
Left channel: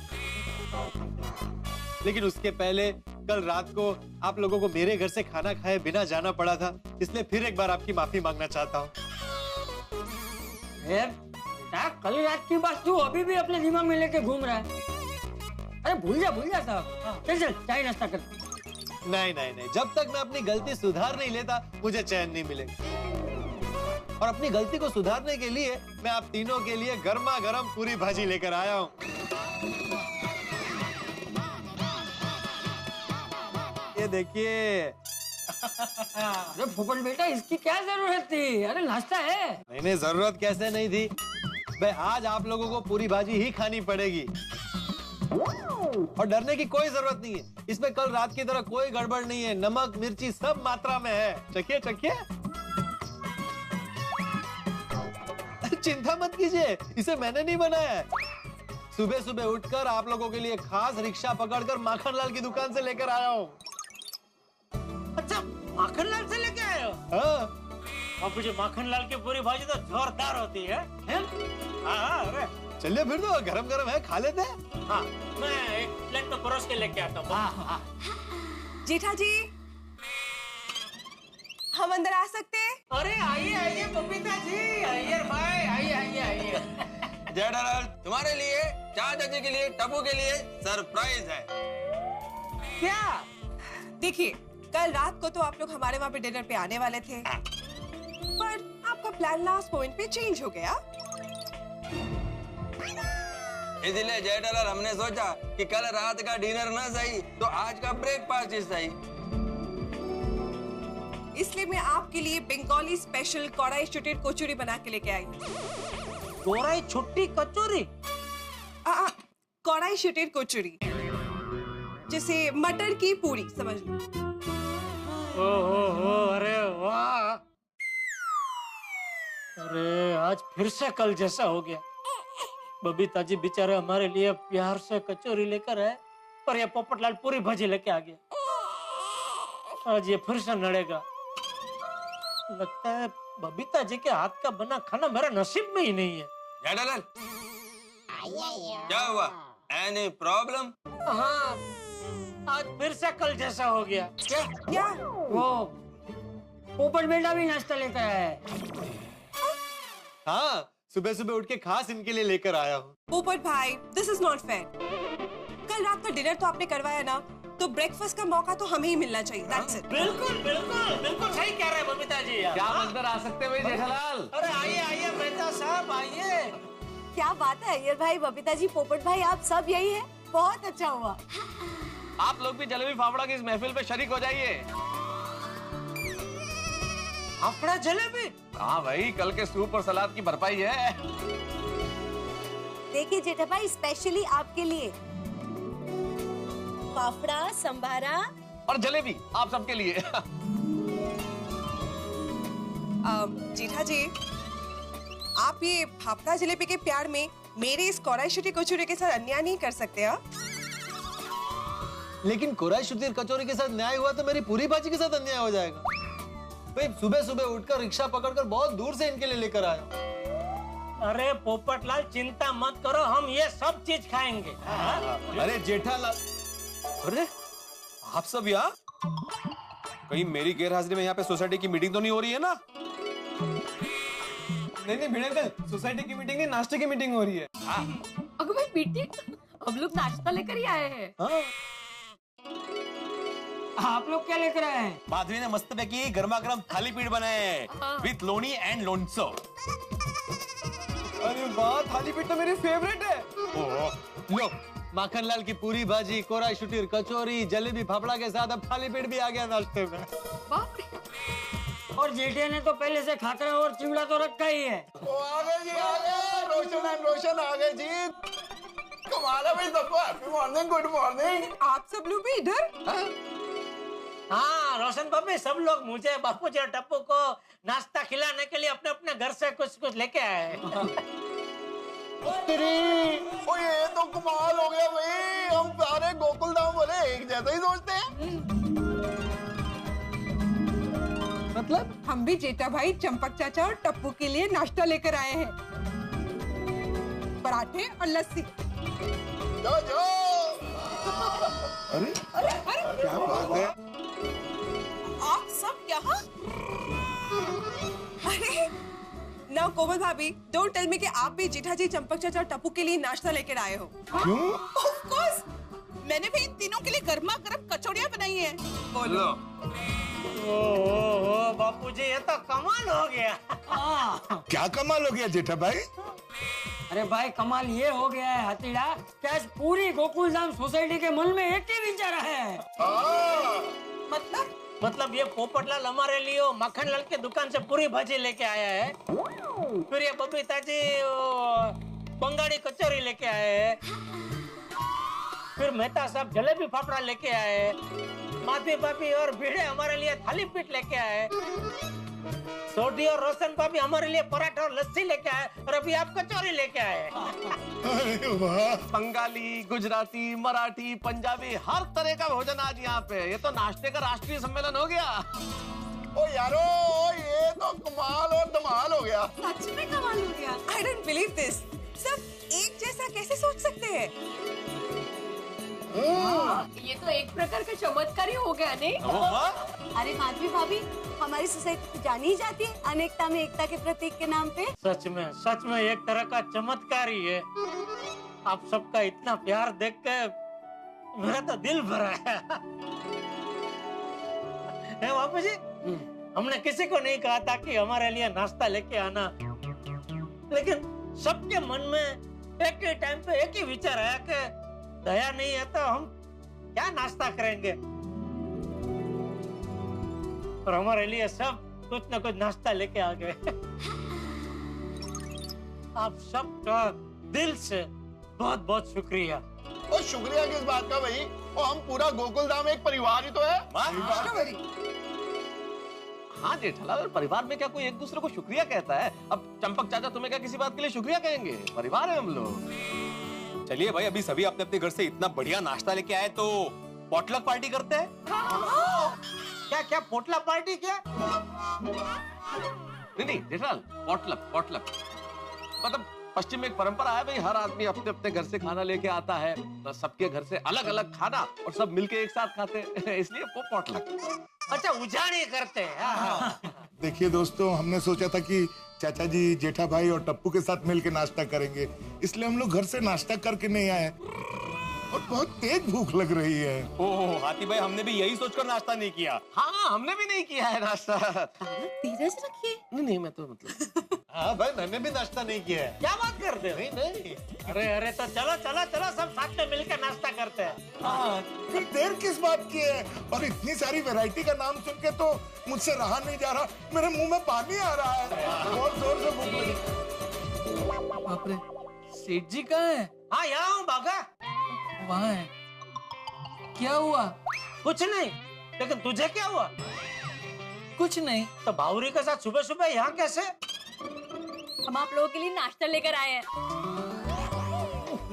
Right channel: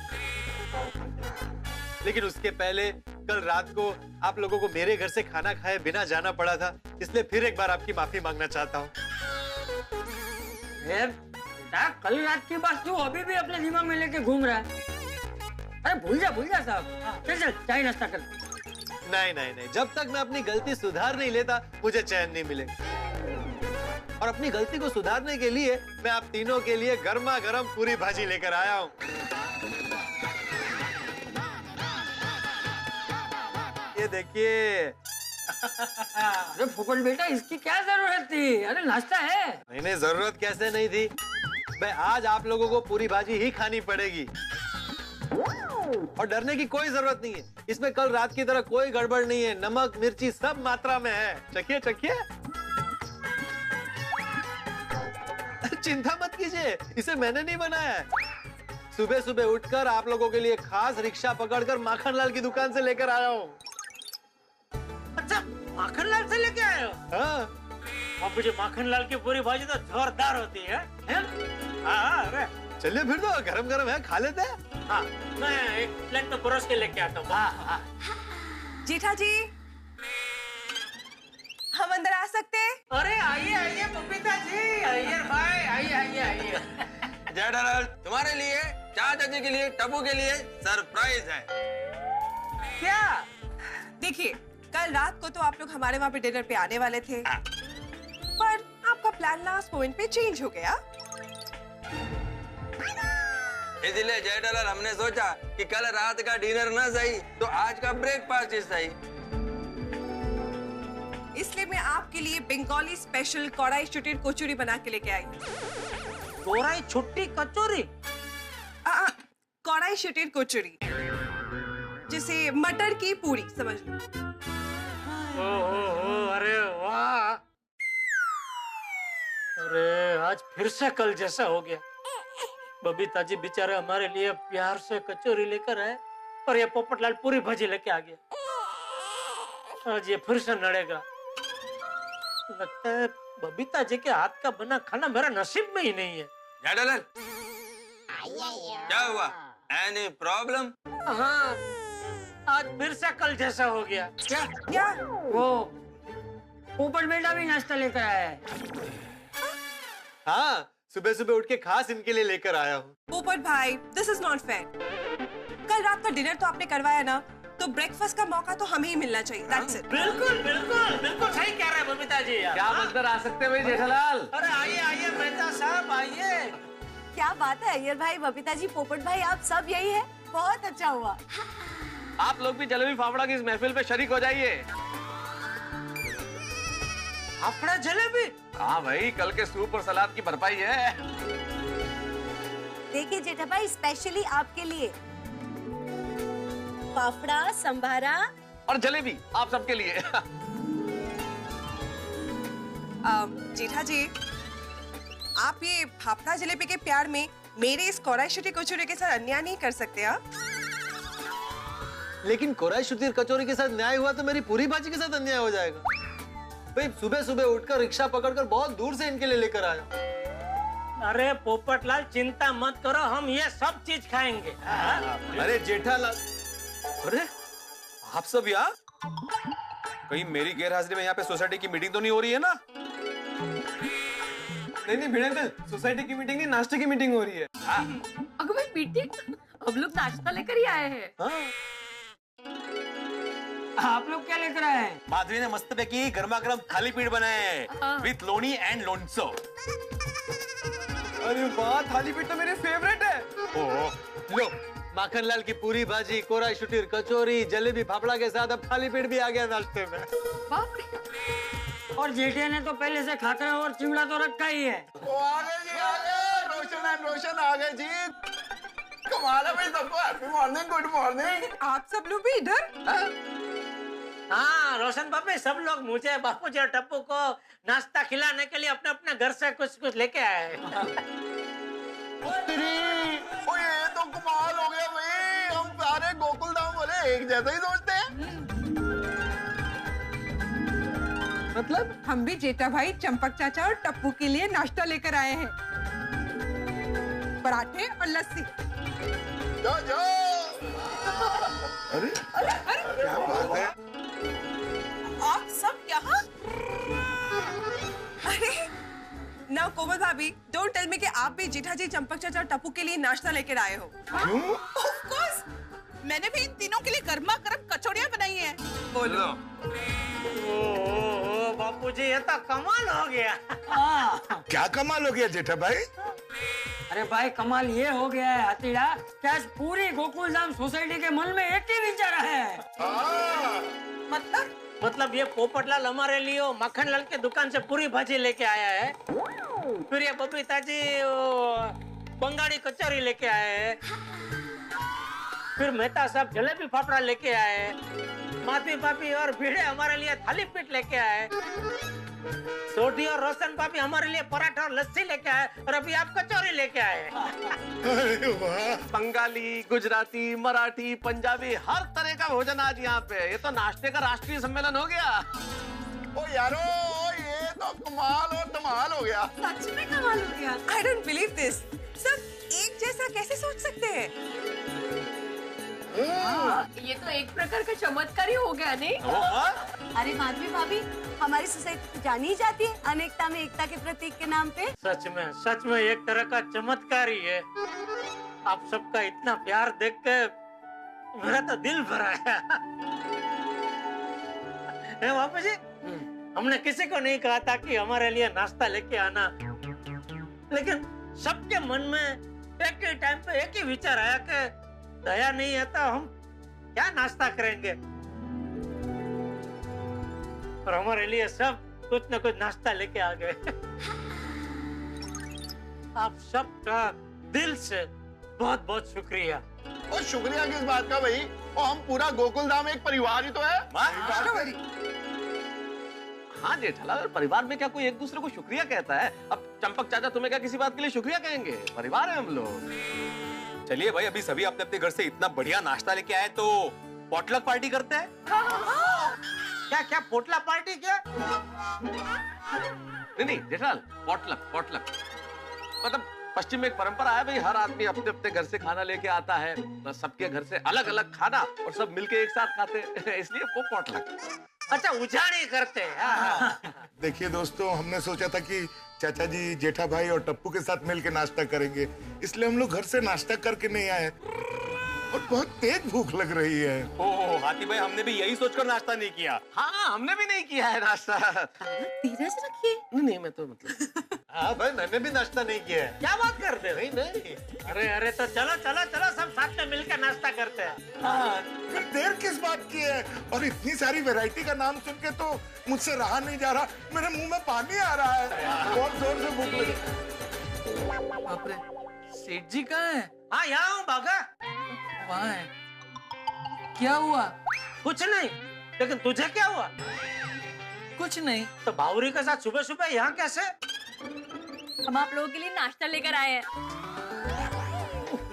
लेकिन उसके पहले कल रात को आप लोगों को मेरे घर से खाना खाए बिना जाना पड़ा था, इसलिए फिर एक बार आपकी माफी मांगना चाहता हूँ। बेटा कल रात की बात तू अभी भी अपने दिमाग में लेके घूम रहा है। अरे भूल जा साहब, चल चाय नाश्ता कर। नहीं, जब तक मैं अपनी गलती सुधार नहीं लेता मुझे चैन नहीं मिलेगा। और अपनी गलती को सुधारने के लिए मैं आप तीनों के लिए गर्मा गर्म पूरी भाजी लेकर आया हूँ। ये देखिए। अरे फुफड़ बेटा इसकी क्या जरूरत थी? अरे नाश्ता है। नहीं जरूरत कैसे नहीं थी भाई, आज आप लोगों को पूरी भाजी ही खानी पड़ेगी और डरने की कोई जरूरत नहीं है। इसमें कल रात की तरह कोई गड़बड़ नहीं है, नमक मिर्ची सब मात्रा में है। चखिए चिंता मत कीजिए, इसे मैंने नहीं बनाया है। सुबह सुबह उठकर आप लोगों के लिए खास रिक्शा पकड़कर माखनलाल की दुकान से लेकर आया हूँ। अच्छा माखनलाल से लेके आए हो? हाँ बापूजी माखनलाल की पूरी भाजी तो जोरदार होती है। हाँ अरे चलिए फिर तो गरम गरम है, खा लेते हैं। हाँ मैं एक प्लेट में परोस के लेके आता हूँ। जेठा जी हम अंदर आ सकते हैं? अरे आइए बबीता जी, आइए भाई आइए। जेठालाल तुम्हारे लिए, चाचा जी के लिए, टप्पू के लिए सरप्राइज है। क्या? देखिए कल रात को तो आप लोग हमारे वहाँ पे डिनर पे आने वाले थे, पर आपका प्लान लास्ट मोमेंट पे चेंज हो गया। इसलिए जेठालाल हमने सोचा कि कल रात का डिनर ना सही तो आज का ब्रेकफास्ट ही सही। इसलिए मैं आपके लिए बंगाली स्पेशल कौड़ाई छुट्टी कचौरी बना के लेके आई। कौड़ाई छुट्टी कचौरी? कौड़ाई छुट्टी कचौरी, जैसे मटर की पूरी समझ लो। ओहो अरे वाह, अरे आज फिर से कल जैसा हो गया। बबीता जी बेचारे हमारे लिए प्यार से कचौरी लेकर आए और ये पोपटलाल पूरी भाजी लेके आ गया। आज ये फिर से नड़ेगा। लगता है बबीता जी के हाथ का बना खाना मेरा नसीब में ही नहीं है। जेठालाल क्या हुआ? Any problem? हाँ आज फिर से कल जैसा हो गया। क्या? वो पोपट बेटा भी नाश्ता लेकर आया है। हाँ सुबह सुबह उठ के खास इनके लिए लेकर आया हूँ। पोपट भाई दिस इज नॉट फेयर। कल रात का डिनर तो आपने करवाया ना, तो ब्रेकफास्ट का मौका तो हमें ही मिलना चाहिए। That's it. बिल्कुल बिल्कुल बिल्कुल सही कह रहे हैं बबीता जी। क्या हम अंदर आ सकते हैं भाई जेठालाल? अरे आइए आइए मेहता साहब आइए। क्या बात है अय्यर भाई, बबीता जी, पोपट भाई, आप सब यही है, बहुत अच्छा हुआ। आप लोग भी जलेबी फाफड़ा की इस महफिल पे शरीक हो जाइए। फाफड़ा जलेबी? हाँ भाई, कल के सूप और सलाद की भरपाई है। देखिए जेठा भाई, स्पेशली आपके लिए फाफड़ा, संभारा और जलेबी आप सबके लिए। जेठा जी, आप ये फाफड़ा जलेबी के प्यार में मेरे इस कोराई शुटी कचौरी के साथ अन्याय नहीं कर सकते। हाँ, लेकिन कोराई शुटी कचौरी के साथ न्याय हुआ तो मेरी पूरी भाजी के साथ अन्याय हो जाएगा। भाई सुबह सुबह उठकर रिक्शा पकड़कर बहुत दूर से इनके लिए लेकर आया। अरे पोपटलाल चिंता मत करो, हम ये सब चीज खाएंगे। अरे जेठालाल, अरे आप सब यहाँ? कहीं मेरी गैरहाजिरी में यहाँ पे सोसाइटी की मीटिंग तो नहीं हो रही है ना? नहीं भिड़े अंकल, सोसाइटी की मीटिंग नहीं, नाश्ते की मीटिंग हो रही है। अगर भाई मीटिंग, अब लोग नाश्ता लेकर ही आए हैं। आप लोग क्या लेकर आए हैं? माधवी ने मस्त पैकी गर्मा गर्म थाली पीठ बनाए हैं विथ लोनी एंड लोनसो। अरे वाह, थाली पीठ तो मेरी फेवरेट है। लो, माखनलाल की पूरी भाजी, कोराई शुटी कचौरी, जलेबी फाफड़ा के साथ अब थाली पीठ भी आ गया नाश्ते में। बाप रे। और जेठे ने तो पहले से खाकरा और चिवड़ा तो रखा ही है। वो आ गए जी, आ गए। रोशन एंड रोशन आ गए जी। कमाल है भाई, सबको हैप्पी मॉर्निंग, गुड मॉर्निंग। आप सब लोग भी इधर? हाँ रोशन बाबी, सब लोग मुझे, बापू जी और टप्पू को नाश्ता खिलाने के लिए अपने अपने घर से कुछ कुछ लेके आए। ओ ये तो कमाल हो गया भाई, हम सारे गोकुल धाम वाले एक जैसा ही सोचते हैं। मतलब हम भी जेठा भाई, चंपक चाचा और टप्पू के लिए नाश्ता लेकर आए हैं, पराठे और लस्सी। जो जो। अरे क्या बात है? आप सब यहाँ? अरे ना कोमल भाभी, डोंट टेल मी कि आप भी जेठा जी, चंपक चाचा और टप्पू के लिए नाश्ता लेकर आए हो। क्यों? Of course, मैंने भी इन तीनों के लिए गर्मा गर्म कचौड़ियाँ बनाई हैं। बोलो। ओ बापू जी, ये तो कमाल हो गया। क्या कमाल हो गया जेठा भाई? अरे भाई कमाल ये हो गया है हतीड़ा, क्या पूरी गोकुलधाम सोसाइटी के मन में एक ही विचार है। मतलब ये पोपटलाल हमारे लिए मक्खनलाल की दुकान से पूरी भाजी लेके आया है, फिर ये बबीता जी बंगाली कचौरी लेके आए हैं, फिर मेहता साहब जलेबी फाफड़ा लेके आए, माधवी भाभी और भिड़े हमारे लिए थाली पीठ लेके आए, सोडी और रोशन भाभी हमारे लिए पराठा और लस्सी लेके आए, और अभी आप कचौरी लेके आए। अरे वाह, बंगाली, गुजराती, मराठी, पंजाबी, हर तरह का भोजन आज यहाँ पे। ये तो नाश्ते का राष्ट्रीय सम्मेलन हो गया। ओ यारो, ये तो कमाल और धमाल हो गया। सच में कमाल हो गया। I don't believe this. सब एक जैसा कैसे सोच सकते हैं? ये तो एक प्रकार का चमत्कार ही हो गया नहीं? अरे माधवी भाभी, हमारी सोसाइटी तो जानी ही जाती है अनेकता में एकता के प्रतीक के नाम पे। सच में एक तरह का चमत्कार ही है। आप सबका इतना प्यार देख के मेरा तो दिल भरा है बापू जी। हमने किसी को नहीं कहा था कि हमारे लिए नाश्ता लेके आना, लेकिन सबके मन में एक ही टाइम पे एक ही विचार आया कि दया नहीं है तो हम क्या नाश्ता करेंगे, और हमारे लिए सब कुछ न कुछ नाश्ता लेके आ गए। आप सबका दिल से बहुत बहुत शुक्रिया। और शुक्रिया किस बात का भाई, और हम पूरा गोकुल धाम एक परिवार ही तो है। हाँ जेठालाल, परिवार में क्या कोई एक दूसरे को शुक्रिया कहता है? अब चंपक चाचा तुम्हें क्या किसी बात के लिए शुक्रिया कहेंगे? परिवार है हम लोग। चलिए भाई, अभी सभी अपने अपने घर से इतना बढ़िया नाश्ता लेके आए तो पॉटलक पार्टी करते हैं। क्या पोटला पार्टी क्या? नहीं जेठालाल, पॉटलक मतलब पश्चिम में एक परंपरा है भाई, हर आदमी अपने अपने घर से खाना लेके आता है, सबके घर से अलग अलग खाना और सब मिलके एक साथ खाते हैं, इसलिए वो पॉटलक। अच्छा, उजाड़ी करते हैं। देखिए दोस्तों, हमने सोचा था कि चाचा जी, जेठा भाई और टप्पू के साथ मिलकर नाश्ता करेंगे, इसलिए हम लोग घर से नाश्ता करके नहीं आए। और बहुत तेज भूख लग रही है। ओह हाथी भाई, हमने भी यही सोचकर नाश्ता नहीं किया। हाँ, हमने भी नहीं किया है नाश्ता। धीरज रखिए। नहीं, मैं तो मतलब हाँ भाई, मैंने भी नाश्ता नहीं किया है। क्या बात करते हो? नहीं। अरे अरे, तो चलो चलो चलो, सब साथ में मिलकर नाश्ता करते हैं। हाँ, फिर देर किस बात की है? और इतनी सारी वैरायटी का नाम सुन के तो मुझसे रहा नहीं जा रहा, मेरे मुंह में पानी आ रहा है, बहुत जोर से भूख लगी। बाप रे, सेठ जी कहाँ है? हाँ, यहाँ हूँ बागा। वहाँ है। क्या हुआ? कुछ नहीं, लेकिन तुझे क्या हुआ? कुछ नहीं। तो बावरी के साथ सुबह सुबह यहाँ कैसे? हम आप लोगों के लिए नाश्ता लेकर आए हैं।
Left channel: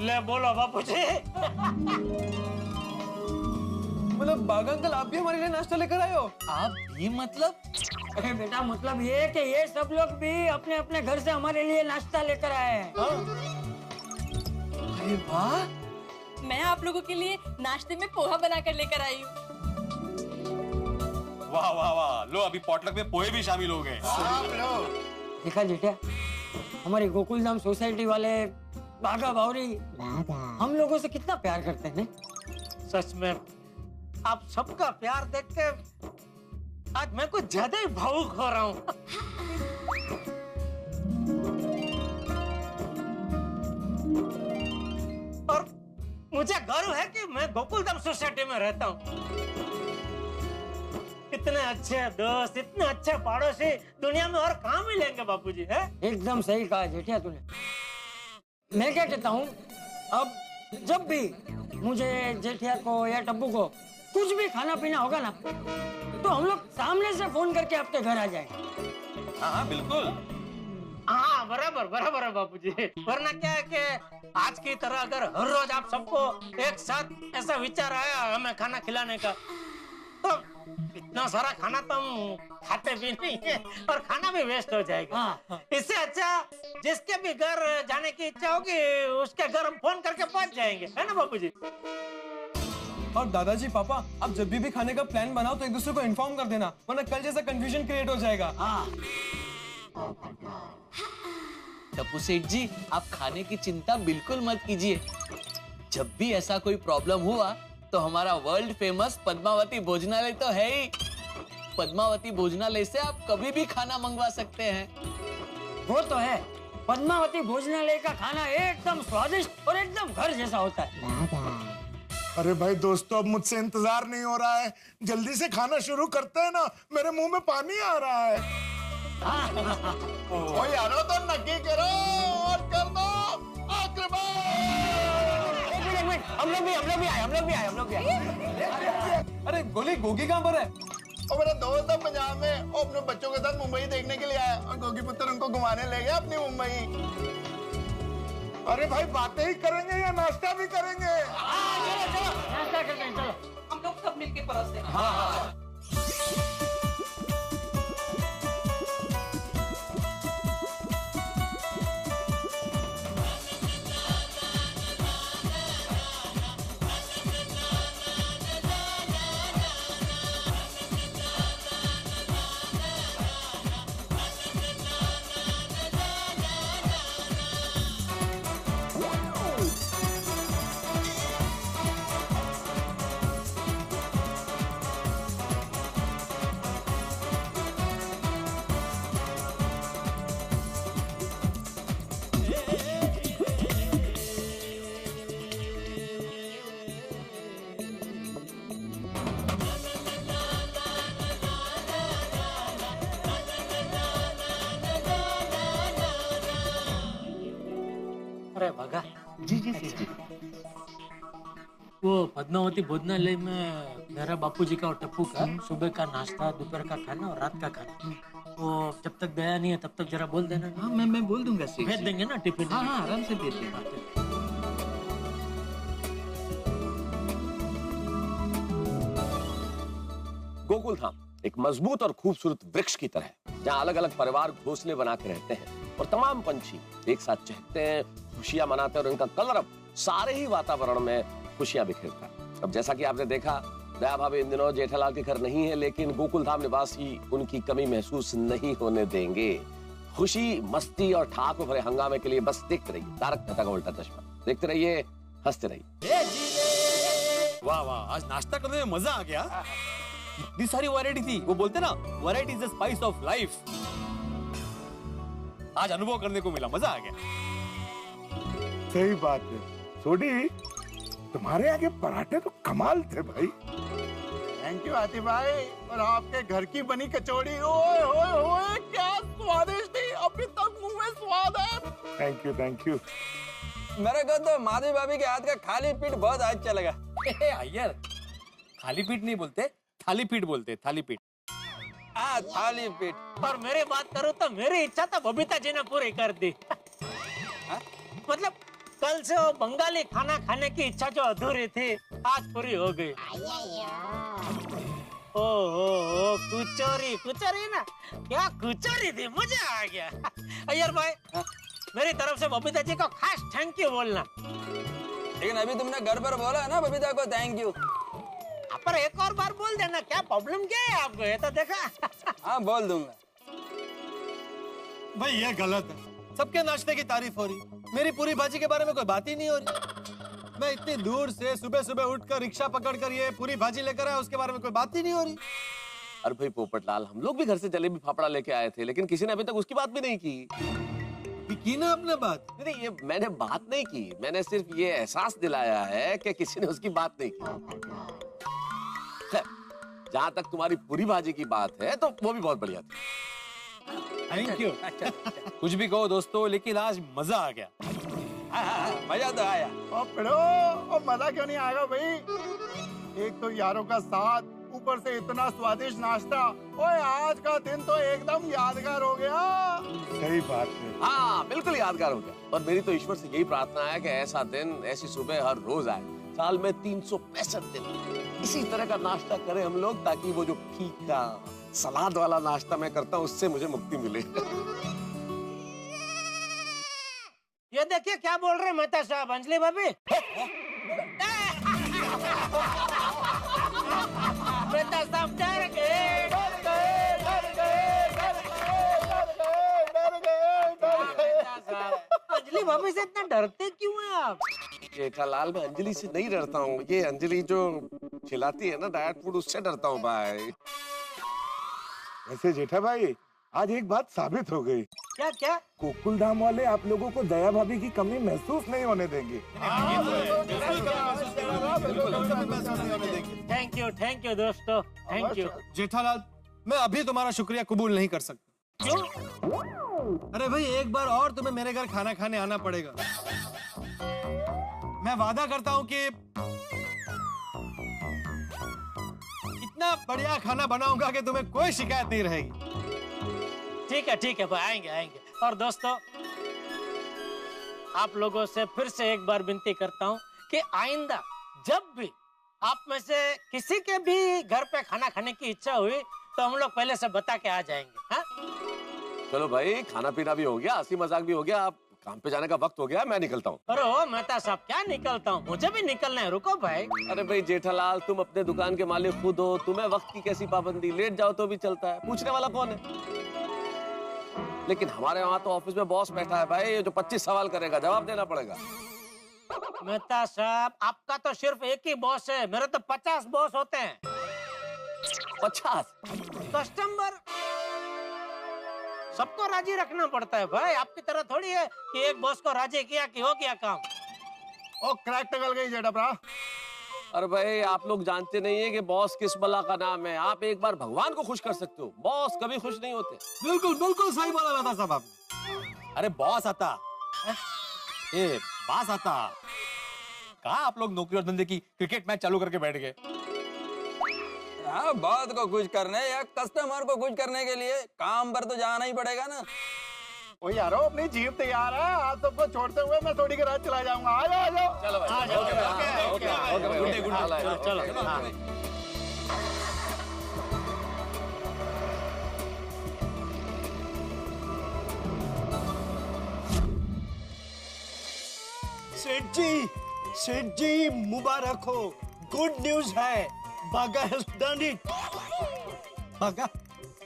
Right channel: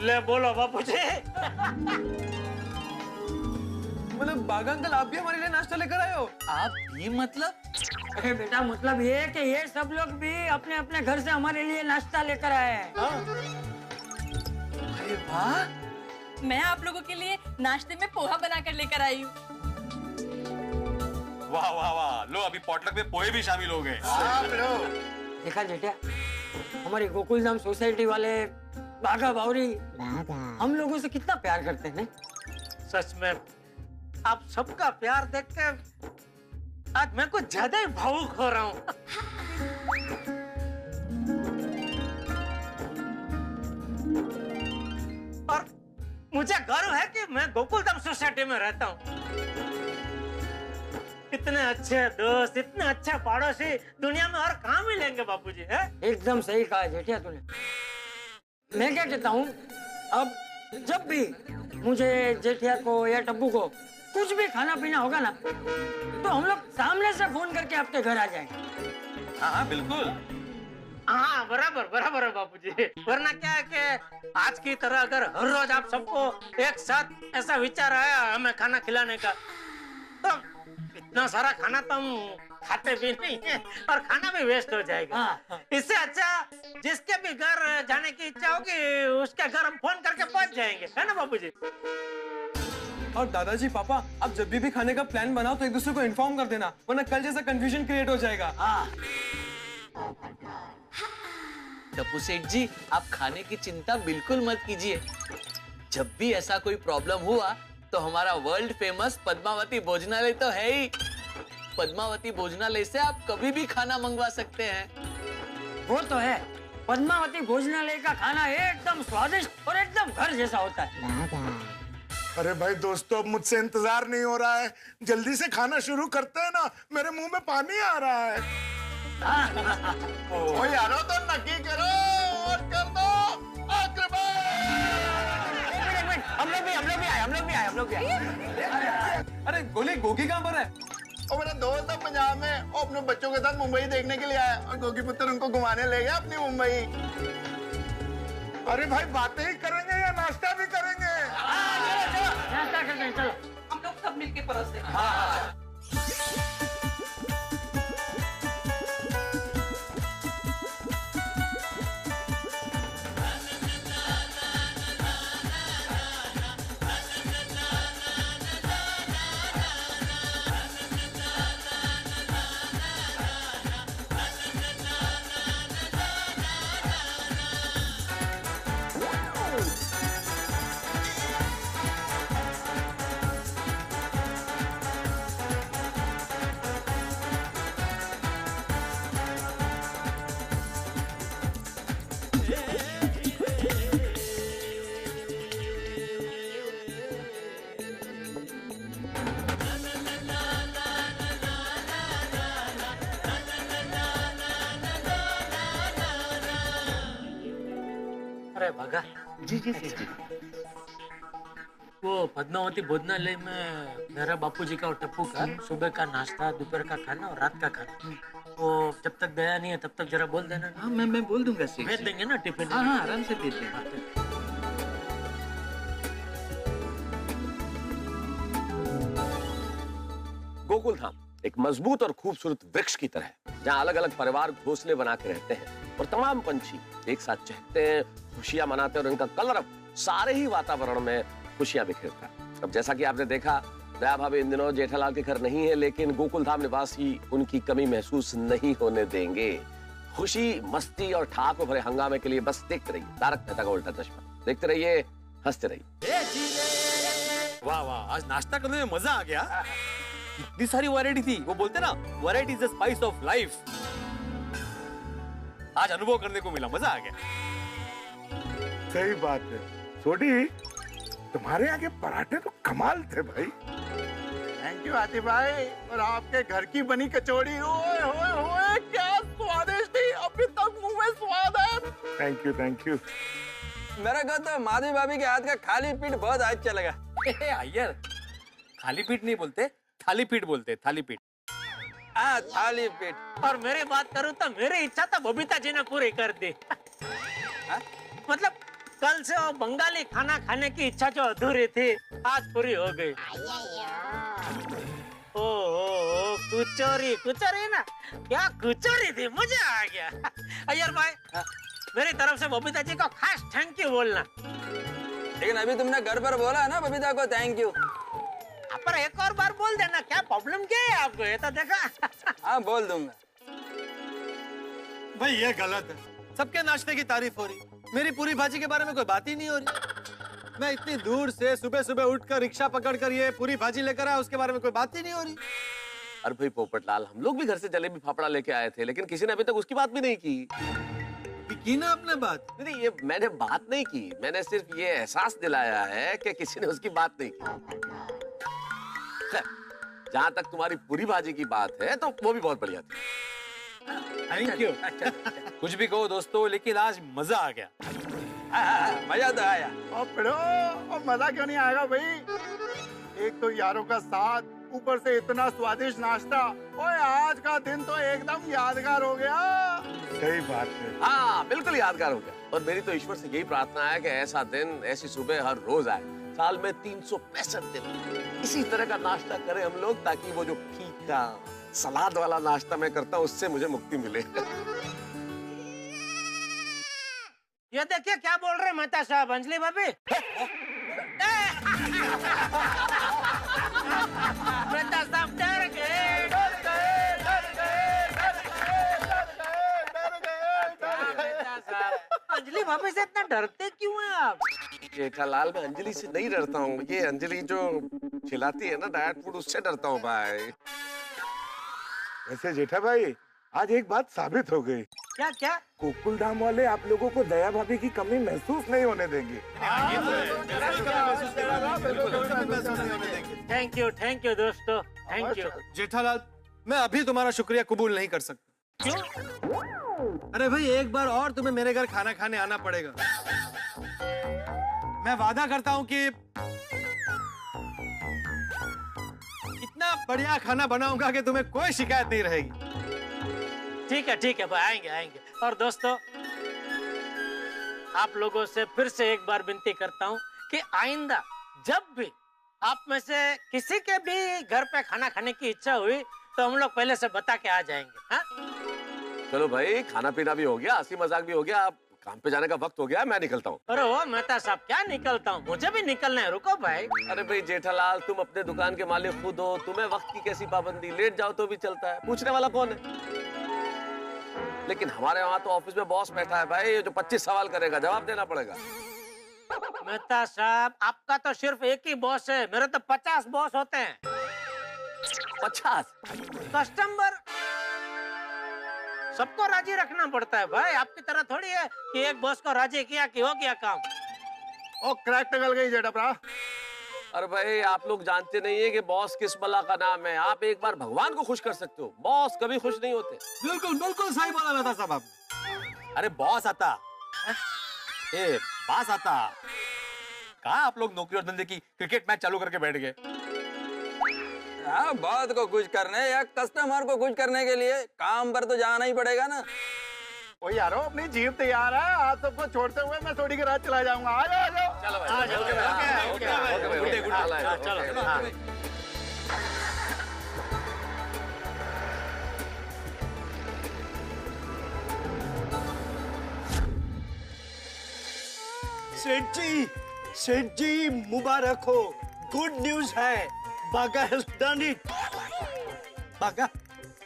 ले बोलो बापू जी। मतलब बागा अंकल, आप भी हमारे लिए नाश्ता लेकर आए हो? आप भी मतलब? अरे बेटा, मतलब ये कि ये सब लोग भी अपने अपने घर से हमारे लिए नाश्ता लेकर आए हैं। अरे वाह, मैं आप लोगों के लिए नाश्ते में पोहा बनाकर लेकर आई हूँ। वाह वाह वाह, लो अभी पॉटलक में पोहे भी शामिल हो गए। देखा जेठा, हमारी गोकुलधाम सोसाइटी वाले बागा बावरी हम लोगों से कितना प्यार करते हैं। सच में आप सबका प्यार देख के आज मैं कुछ ज्यादा ही भावुक हो रहा हूँ। और मुझे गर्व है कि मैं गोकुलधाम सोसाइटी में रहता हूँ। इतने अच्छे दोस्त, इतने अच्छे पड़ोसी दुनिया में और कहाँ मिलेंगे बापूजी, है? एकदम सही कहा जेठिया तूने। मैं क्या कहता हूँ, अब जब भी मुझे जेठिया को या टप्पू को कुछ भी खाना पीना होगा ना, तो हम लोग सामने से फोन करके आपके घर आ जाएंगे। हाँ हाँ बिल्कुल। हाँ बराबर बराबर है बापूजी। वरना क्या है कि आज की तरह अगर हर रोज आप सबको एक साथ ऐसा विचार आया हमें खाना खिलाने का, तो इतना सारा खाना तो हम खाते भी नहीं है और खाना भी वेस्ट हो जाएगा। हाँ। इससे अच्छा जिसके भी घर जाने की इच्छा होगी उसके घर हम फोन करके पहुंच जाएंगे, है ना बापूजी? और दादाजी पापा, आप जब भी खाने का प्लान बनाओ तो एक दूसरे को इन्फॉर्म कर देना, वरना कल जैसा कंफ्यूजन क्रिएट हो जाएगा। हाँ। टप्पू सेठ जी, आप खाने की चिंता बिल्कुल मत कीजिए। जब भी ऐसा कोई प्रॉब्लम हुआ तो हमारा वर्ल्ड फेमस पद्मावती भोजनालय तो है ही। पद्मावती भोजनालय से आप कभी भी खाना मंगवा सकते हैं। वो तो है, पद्मावती भोजनालय का खाना एकदम स्वादिष्ट और एकदम घर जैसा होता है। अरे भाई दोस्तों, अब मुझसे इंतजार नहीं हो रहा है, जल्दी से खाना शुरू करते हैं ना, मेरे मुंह में पानी आ रहा है। ओ यारो, तो नक्की करो और कर दो। हम लोग भी आए। अरे गोली, गोगी कहाँ पर है? और मेरा दोस्त है पंजाब में, वो अपने बच्चों के साथ मुंबई देखने के लिए आया और गोगी पुत्र उनको घुमाने ले गया अपनी मुंबई। अरे भाई, बातें ही करेंगे या नाश्ता भी करेंगे? चलो नाश्ता करते हैं, चलो। हम लोग सब मिलके परोसते हैं। हाँ। अरे भगा जी जी जी जी। वो पद्मावती भोजनालय में मेरा बापूजी का और टप्पू का सुबह का नाश्ता, दोपहर का खाना और रात का खाना, वो जब तक गया नहीं है तब तक जरा बोल देना। हाँ मैं बोल दूंगा। भेज देंगे ना टिफिन? हाँ हाँ आराम से भेज देंगे। गोकुलधाम एक मजबूत और खूबसूरत वृक्ष की तरह है, जहाँ अलग अलग परिवार घोंसले बना के रहते हैं और तमाम पंछी एक साथ चहकते हैं, खुशियां मनाते हैं और इनका कलरव सारे ही वातावरण में खुशियां बिखेरता है। अब जैसा कि आपने देखा, दया भाभी इन दिनों जेठालाल के घर नहीं है, लेकिन गोकुलधाम निवासी उनकी कमी महसूस नहीं होने देंगे। खुशी, मस्ती और ठाकुर भरे हंगामे के लिए बस देखते रहिए तारक मेहता का उल्टा चश्मा। देखते रहिए, हंसते रहिए। वाह वाह, आज नाश्ता करने में मजा आ गया। इतनी सारी वैरायटी थी, वो बोलते ना variety is the spice of life. आज अनुभव करने को मिला, मजा आ गया। सही बात है सोडी, तुम्हारे यहाँ के पराठे तो कमाल थे भाई। थैंक यू आतिफ भाई। और आपके घर की बनी कचौड़ी, ओए होए होए क्या स्वादिष्ट थी, अभी तक मुंह में स्वाद है। Thank you thank you. मेरे को तो माधवी भाभी के हाथ का खाली पीठ बहुत अच्छा लगा। अय्यर, खाली पीठ नहीं बोलते, थाली पीठ बोलते, थाली पीठ। हाँ, थाली पीठ। और मेरी बात करूं तो मेरी इच्छा तो बबीता जी ने पूरी कर दी। मतलब कल से वो बंगाली खाना खाने की इच्छा जो अधूरी थी आज पूरी हो गई। ओ कुचोरी, कुचोरी ना, क्या कुचोरी थी, मजा आ गया। अय्यर भाई, मेरी तरफ से बबीता जी को खास थैंक यू बोलना। लेकिन अभी तुमने घर पर बोला है ना बबीता को थैंक यू। पर एक और बार बोल देना, क्या प्रॉब्लम क्या है आपको, ये तो देखा। हाँ बोल दूंगा। भाई ये गलत है, सबके नाश्ते की तारीफ हो रही, मेरी पूरी भाजी के बारे में कोई बात ही नहीं हो रही। मैं इतनी दूर से सुबह सुबह उठकर रिक्शा पकड़कर ये पूरी भाजी लेकर आया, उसके बारे में कोई बात ही नहीं हो रही। अरे भाई पोपटलाल, हम लोग भी घर से जलेबी फाफड़ा लेके आए थे, लेकिन किसी ने अभी तक उसकी बात भी नहीं की। की ना आपने बात? नहीं, ये मैंने बात नहीं की, मैंने सिर्फ ये एहसास दिलाया है कि किसी ने उसकी बात नहीं की। जहां तक तुम्हारी पूरी भाजी की बात है तो वो भी बहुत बढ़िया थी। Thank you. कुछ भी कहो दोस्तों, लेकिन आज मजा आ गया। मजा तो आया। और मजा क्यों नहीं आएगा भाई, एक तो यारों का साथ, ऊपर से इतना स्वादिष्ट नाश्ता। ओए आज का दिन तो एकदम यादगार हो गया। सही बात है। हाँ बिल्कुल यादगार हो गया। और मेरी तो ईश्वर से यही प्रार्थना है कि ऐसा दिन, ऐसी सुबह हर रोज आए, साल में 365 दिन इसी तरह का नाश्ता करें हम लोग, ताकि वो जो फीका सलाद वाला नाश्ता मैं करता हूँ उससे मुझे मुक्ति मिले। ये देखिए क्या बोल रहे मेहता साहब, अंजलि भाभी। मेहता साहब डर गए, डर गए, डर गए, डर गए। अंजलि भाभी से इतना डरते क्यों हैं आप? जेठालाल, मैं अंजलि से नहीं डरता हूँ, ये अंजलि जो खिलाती है ना डाइट फूड, उससे डरता हूँ भाई। वैसे जेठा भाई, आज एक बात साबित हो गई। क्या क्या? गोकुलधाम वाले आप लोगों को दया भाभी की कमी महसूस नहीं होने देंगे। थैंक यू दोस्तों, थैंक यू। जेठालाल, मैं अभी तुम्हारा शुक्रिया कबूल नहीं कर सकता। क्यों? अरे भाई, एक बार और तुम्हें मेरे घर खाना खाने आना पड़ेगा। मैं वादा करता हूँ कि इतना बढ़िया खाना बनाऊंगा कि तुम्हें कोई शिकायत नहीं रहेगी। ठीक है भाई, आएंगे आएंगे। और दोस्तों, आप लोगों से फिर से एक बार विनती करता हूँ कि आइंदा जब भी आप में से किसी के भी घर पे खाना खाने की इच्छा हुई तो हम लोग पहले से बता के आ जाएंगे। हाँ? चलो भाई, खाना पीना भी हो गया, हंसी मजाक भी हो गया, अब काम पे जाने का वक्त हो गया, मैं निकलता हूँ। अरे ओ मेहता साहब, क्या निकलता हूँ, मुझे भी निकलना है, रुको भाई। अरे भाई जेठालाल, तुम अपने दुकान के मालिक खुद हो, तुम्हें वक्त की कैसी पाबंदी, लेट जाओ तो भी चलता है, पूछने वाला कौन है? लेकिन हमारे वहाँ तो ऑफिस में बॉस बैठा है भाई, जो 25 सवाल करेगा, जवाब देना पड़ेगा। मेहता साहब, आपका तो सिर्फ एक ही बॉस है, मेरे तो 50 बॉस होते हैं। 50 कस्टमर, सबको राजी रखना पड़ता है भाई, आपकी तरह थोड़ी है कि एक बॉस को राजी किया कि हो गया काम। ओ क्रैक निकल गई जेठा भरा। अरे भाई, आप लोग जानते नहीं है कि बॉस किस बला का नाम है। आप एक बार भगवान को खुश कर सकते हो, बॉस कभी खुश नहीं होते। बिल्कुल बिल्कुल सही बोला मेहता साहब आपने। अरे बॉस आता, बास आता। कहा आप लोग नौकरी और धंधे की क्रिकेट मैच चालू करके बैठ गए। हाँ, बात को कुछ करने या कस्टमर को कुछ करने के लिए काम पर तो जाना ही पड़ेगा ना। ओ यारो, अपनी जीप तैयार है, आप सबको छोड़ते हुए मैं थोड़ी के रात चला जाऊंगा। आ जाओ, आ जाओ। चलो भाई, चलो। सेठ जी मुबारक हो, गुड न्यूज है, बागा हैज डन इट। बागा,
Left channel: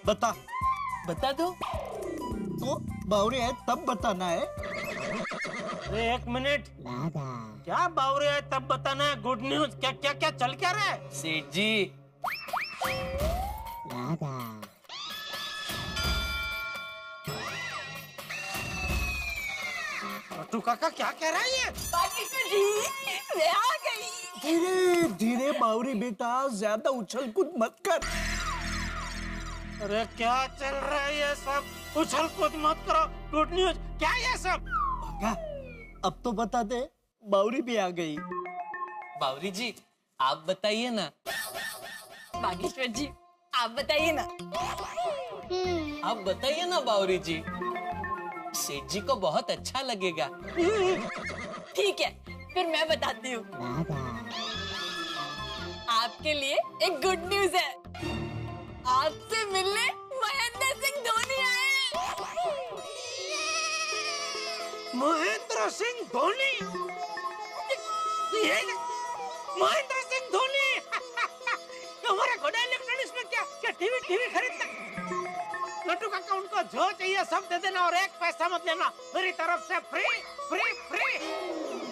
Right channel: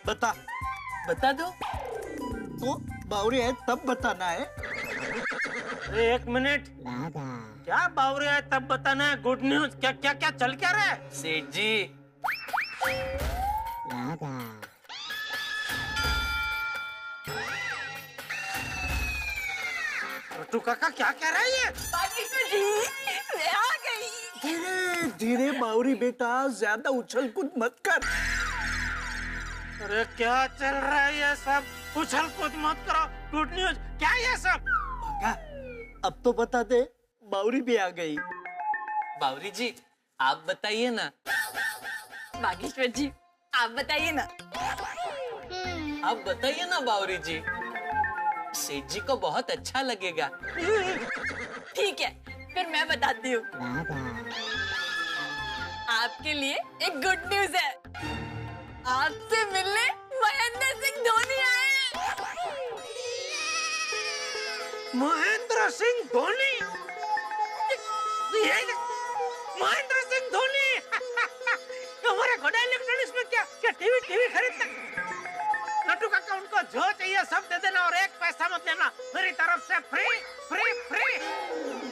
बता दो तो बावरी है तब बताना है। अरे एक मिनट, क्या बावरे है तब बताना है। गुड न्यूज, क्या क्या क्या चल क्या रहा है? सेठ जी, छोटू काका क्या कह रहा है ये? बागेश्वर जी, मैं आ गई। धीरे धीरे बावरी बेटा, ज्यादा उछल कूद मत कर। अरे क्या चल रहा है ये सब? उछल कूद मत करो। गुड न्यूज क्या है ये सब? अब तो बता दे, बावरी भी आ गई। बावरी जी आप बताइए ना। बागेश्वर जी आप बताइए ना। आप बताइए ना बावरी जी, सेठ जी को बहुत अच्छा लगेगा। ठीक है, फिर मैं बताती हूँ। आपके लिए एक गुड न्यूज है। आपसे मिलने महेंद्र सिंह धोनी आए हैं। महेंद्र सिंह धोनी? ये महेंद्र सिंह धोनी हमारे घोड़ा इलेक्ट्रॉनिक्स में क्या टीवी खरीदता? नट्टू काका उनको जो चाहिए सब दे देना और एक पैसा मत लेना, मेरी तरफ से फ्री फ्री फ्री।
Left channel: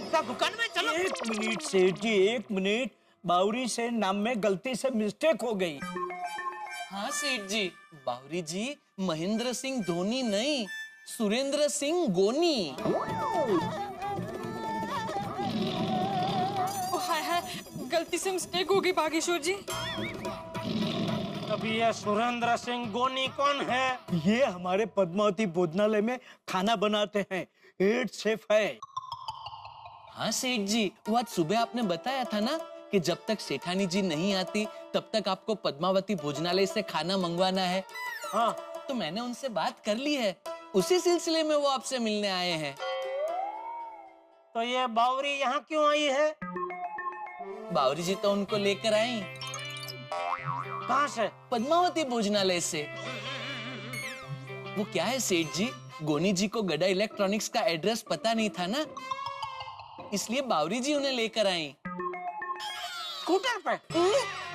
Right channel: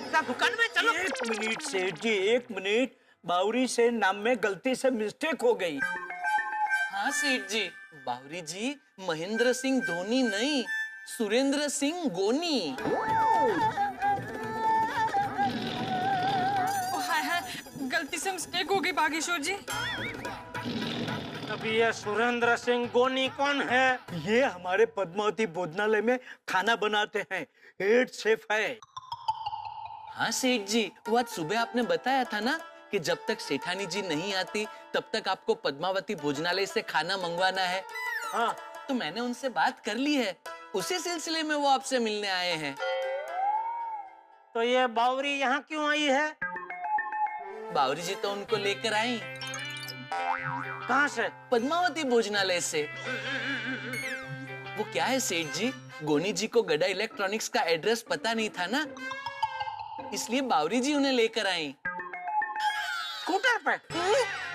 क्या दुकान में चलो। एक मिनट सेठ जी, एक मिनट। बावरी से नाम में गलती से मिस्टेक हो गई। हाँ सेठ जी, बावरी जी महेंद्र सिंह धोनी नहीं, सुरेंद्र सिंह गोनी। हाय हाय, गलती से मिस्टेक हो गई बागेश्वर जी। अभी ये सुरेंद्र सिंह गोनी कौन है? ये हमारे पद्मावती भोजनालय में खाना बनाते हैं, हेड शेफ है। हाँ सेठ जी, वो आज सुबह आपने बताया था ना कि जब तक सेठानी जी नहीं आती तब तक आपको पद्मावती भोजनालय से खाना मंगवाना है। हाँ, तो मैंने उनसे बात कर ली है, उसी सिलसिले में वो आपसे मिलने आए हैं। तो ये बावरी यहाँ क्यों आई है? बावरी जी तो उनको लेकर आई। कहाँ से? पद्मावती भोजनालय से। वो क्या है सेठ जी, गोनी जी को गड्ढा इलेक्ट्रॉनिक्स का एड्रेस पता नहीं था ना, इसलिए बावरी जी उन्हें लेकर आई। स्कूटर पे?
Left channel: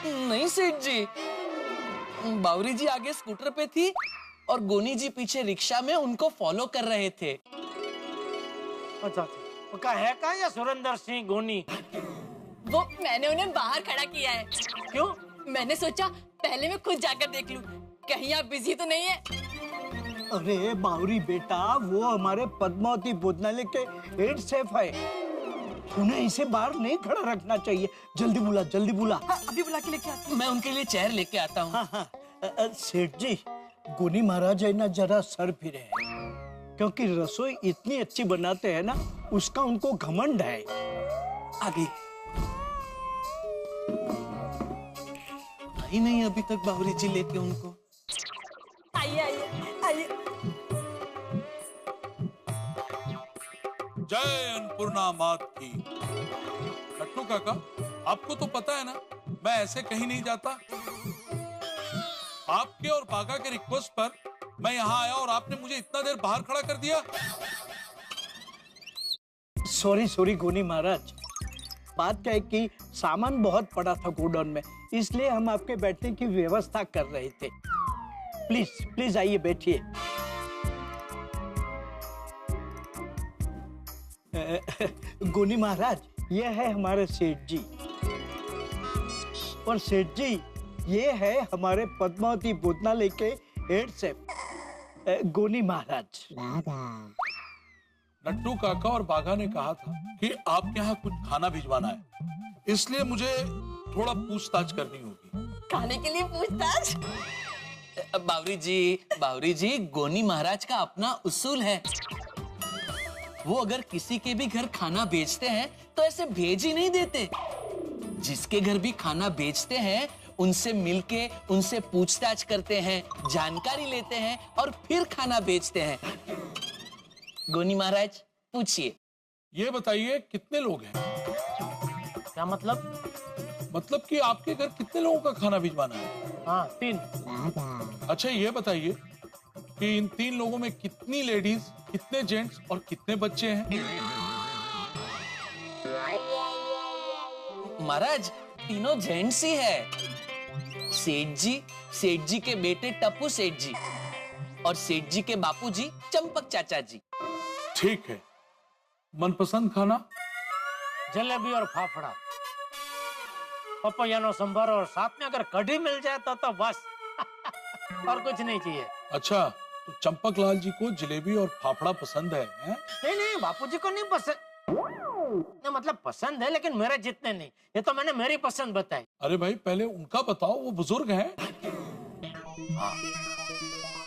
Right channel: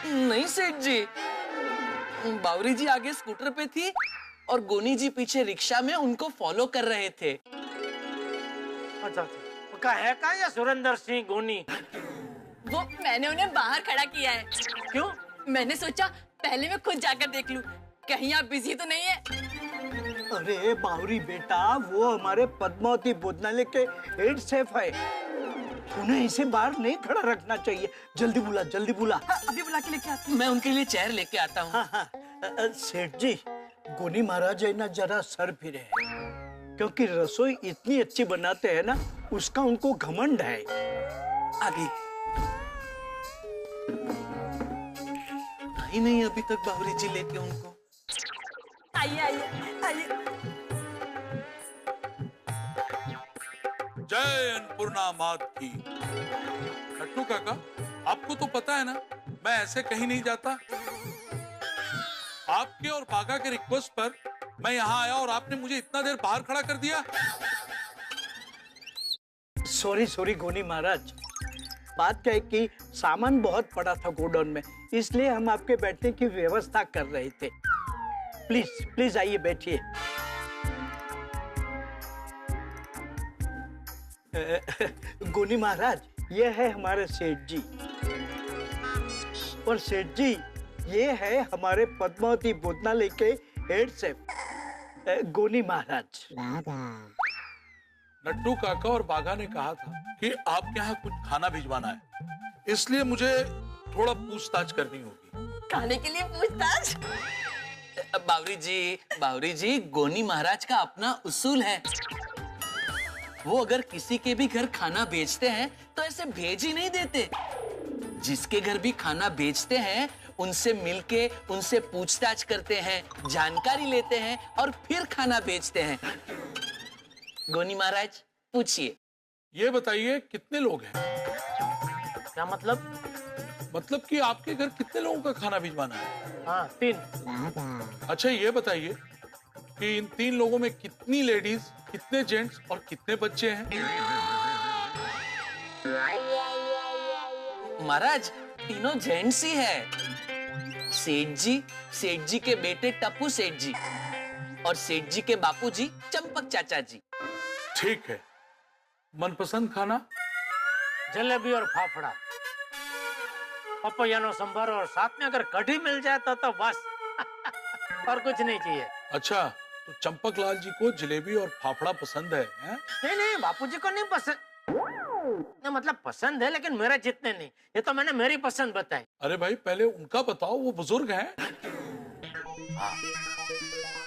नहीं सेठ जी, बावरी जी आगे स्कूटर पे थी और गोनी जी पीछे रिक्शा में उनको फॉलो कर रहे थे। अच्छा, का है का या सुरेंद्र सिंह गोनी? वो मैंने उन्हें बाहर खड़ा किया है। क्यों? मैंने सोचा पहले मैं खुद जाकर देख लूं, कहीं आप बिजी तो नहीं है। अरे बावरी बेटा, वो हमारे पद्मावती भोजनालय के हेड शेफ है, उन्हें इसे बाहर नहीं खड़ा रखना चाहिए। जल्दी बुला, जल्दी बुला। हाँ, अभी बुला के लेके आती हूँ। मैं उनके लिए चेयर लेके आता हूँ। हाँ, सेठ जी, गोनी महाराज है ना, जरा सर फिरे है, क्योंकि रसोई इतनी अच्छी बनाते हैं ना, उसका उनको घमंड है। आगे आई नहीं अभी तक बावरी जी लेके उनको। आइए आइए आइए। जय अन्नपूर्णा मात की। नट्टू काका, आपको तो पता है ना, मैं ऐसे कहीं नहीं जाता। आपके और बागा के रिक्वेस्ट पर मैं यहाँ आया और आपने मुझे इतना देर बाहर खड़ा कर दिया। सॉरी गोनी महाराज, बात क्या है कि सामान बहुत पड़ा था गोडाउन में, इसलिए हम आपके बैठने की व्यवस्था कर रहे थे। प्लीज प्लीज आइए, बैठिए। गोनी महाराज, ये है हमारे सेठ जी, और सेठ जी ये है हमारे पद्मावती भोजनालय के हेड शेफ गोनी महाराज। नट्टू काका और बाघा ने कहा था कि आपके यहाँ कुछ खाना भिजवाना है, इसलिए मुझे थोड़ा पूछताछ करनी होगी। खाने के लिए पूछताछ? बावरी जी, गोनी महाराज का अपना उसूल है। वो अगर किसी के भी घर खाना बेचते हैं तो ऐसे भेज ही नहीं देते। जिसके घर भी खाना बेचते हैं उनसे मिलके उनसे पूछताछ करते हैं, जानकारी लेते हैं और फिर खाना बेचते हैं। गोनी महाराज पूछिए। ये बताइए कितने लोग हैं? क्या मतलब? मतलब कि आपके घर कितने लोगों का खाना भिजवाना है? हाँ, 3। अच्छा ये बताइए कि इन 3 लोगों में कितनी लेडीज, कितने जेंट्स और कितने बच्चे हैं? महाराज तीनों जेंट्स ही है। सेठ जी के बेटे टप्पू सेठ जी और सेठ जी के बापूजी चंपक चाचा जी। ठीक है, मनपसंद खाना? जलेबी और फाफड़ा, पपैया नो संभार और साथ में अगर कढ़ी मिल जाए तो बस और कुछ नहीं चाहिए। अच्छा, तो चंपक लाल जी को जलेबी और फाफड़ा पसंद है, हैं? नहीं, बापूजी को नहीं पसंद। नहीं, मतलब पसंद है लेकिन मेरे जितने नहीं। ये तो मैंने मेरी पसंद बताई। अरे भाई पहले उनका बताओ, वो बुजुर्ग हैं।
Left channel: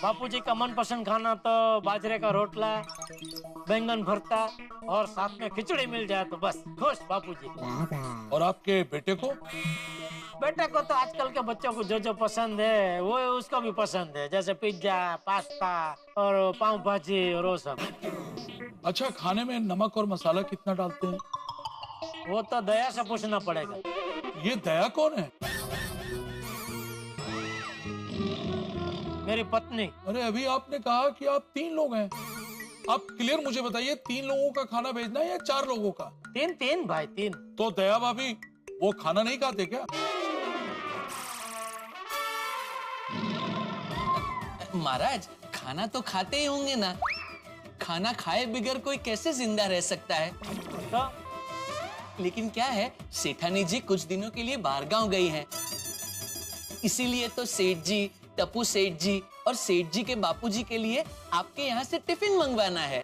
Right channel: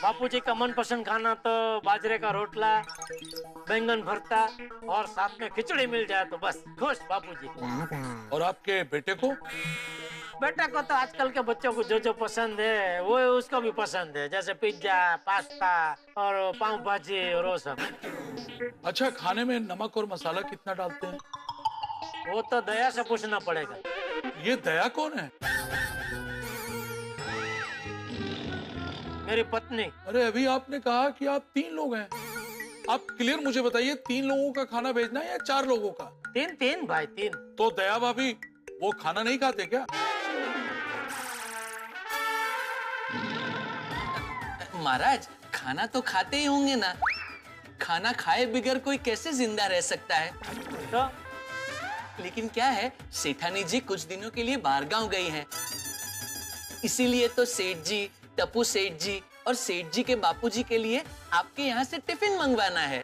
बापूजी का मनपसंद खाना तो बाजरे का रोटला, बैंगन भरता और साथ में खिचड़ी मिल जाए तो बस खुश बापूजी। और आपके बेटे को? बेटे को तो आजकल के बच्चों को जो पसंद है वो उसको भी पसंद है, जैसे पिज्जा, पास्ता और पाव भाजी और वो सब। अच्छा, खाने में नमक और मसाला कितना डालते हैं? वो तो दया से पूछना पड़ेगा। ये दया कौन है? मेरी पत्नी। अरे अभी आपने कहा कि आप 3 लोग हैं। आप क्लियर मुझे बताइए, 3 लोगों का खाना भेजना है या 4 लोगों का? 3 भाई 3। तो दया भाभी वो खाना नहीं खाते क्या? महाराज, खाना तो खाते ही होंगे ना। खाना खाए बगैर कोई कैसे जिंदा रह सकता है? तो? लेकिन क्या है, सेठानी जी कुछ दिनों के लिए बाहर गांव गई हैं। इसीलिए तो सेठ जी, टप्पू सेठ जी और सेठ जी के बापूजी के लिए आपके यहाँ से टिफिन मंगवाना है।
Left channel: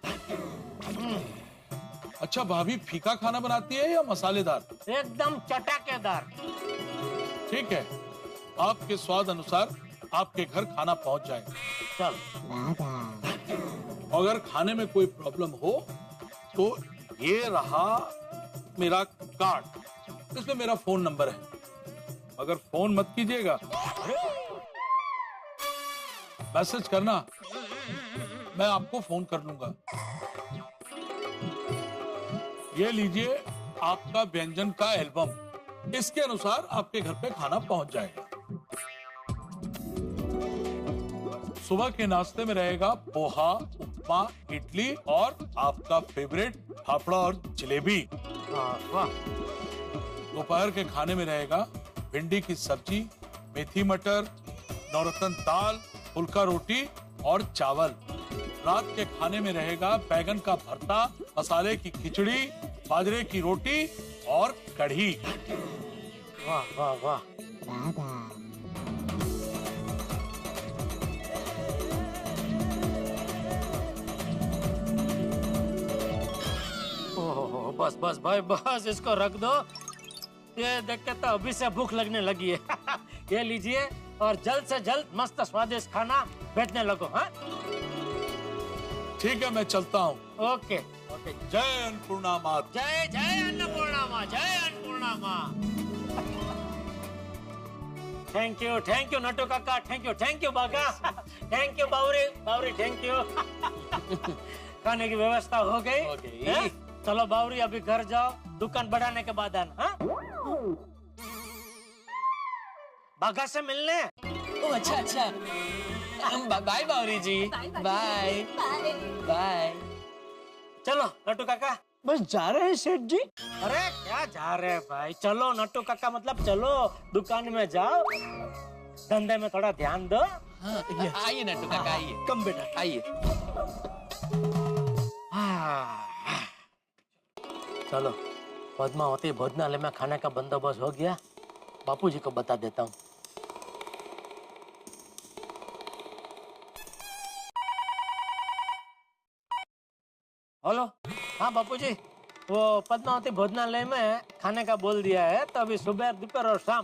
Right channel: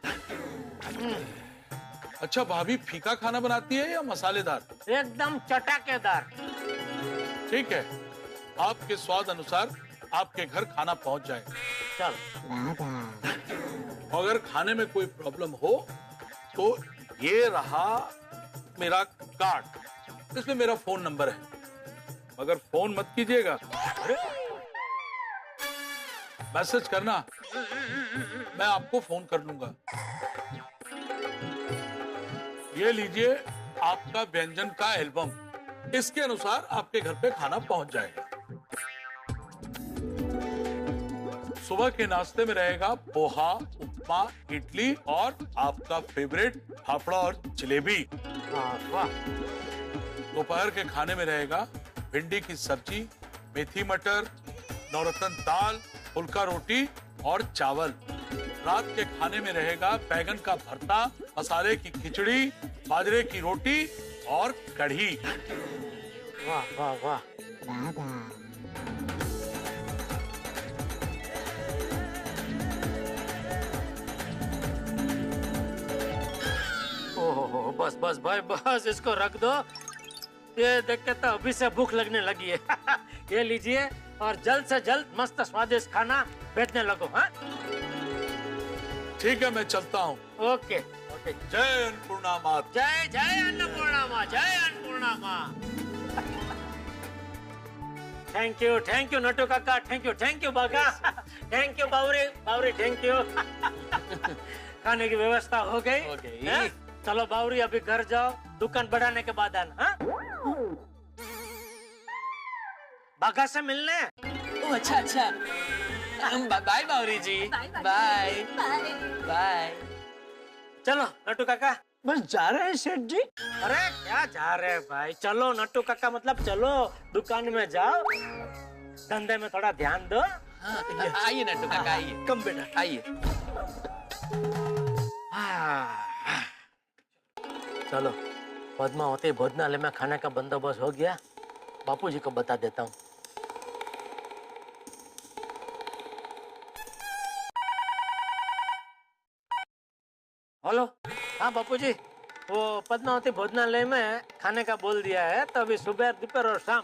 अच्छा, भाभी फीका खाना बनाती है या मसालेदार? एकदम चटाकेदार। ठीक है, आपके स्वाद अनुसार आपके घर खाना पहुंच जाएगा। चल। अगर खाने में कोई प्रॉब्लम हो तो ये रहा मेरा कार्ड, इसमें मेरा फोन नंबर है, मगर फोन मत कीजिएगा। मैसेज करना, मैं आपको फोन कर लूंगा। ये लीजिए आपका व्यंजन का एल्बम, इसके अनुसार आपके घर पे खाना पहुंच जाएगा। सुबह के नाश्ते में रहेगा पोहा, उपमा, इडली और आपका फेवरेट फाफड़ा और जलेबी। दोपहर के खाने में रहेगा भिंडी की सब्जी, मेथी मटर, नौरत्न दाल, फुल्का रोटी और चावल। रात के खाने में रहेगा बैगन का भरता, मसाले की खिचड़ी, बाजरे की रोटी और कढ़ी। वाह वाह वाह। ओहो, बस बस भाई बस, इसको रख दो। ये देख के तो अभी से भूख लगने लगी है। ये लीजिए और जल्द से जल्द मस्त स्वादिष्ट खाना भेजने लगो। हाँ, ठीक है, मैं चलता हूँ। Okay okay. जय अन्नपूर्णा माँ। जय जय अन्नपूर्णा माँ, जय अन्नपूर्णा माँ। Thank you Natu Kaka, thank you Baga, thank you Bawri, thank you. खाने की व्यवस्था हो गई। चलो बावरी, अभी घर जाओ, दुकान बढ़ाने के बाद आना। हाँ? बागा से मिलने। ओह अच्छा। बाय बावरी जी, बाय बाय। चलो नट्टू काका। बस जा रहे हैं सेठ जी? अरे क्या जा रहे हैं भाई, चलो नट्टू काका, मतलब चलो दुकान में जाओ, धंधे में थोड़ा ध्यान दो। हाँ, आइए नट्टू काका, आइए। कम बेटा, आइए। चलो, पद्मावती भोजनालय में खाने का बंदोबस्त हो गया, बापूजी को बता देता हूँ। हेलो, हाँ बापूजी, वो पद्मावती भोजनालय में खाने का बोल दिया है, तो अभी सुबह, दोपहर और शाम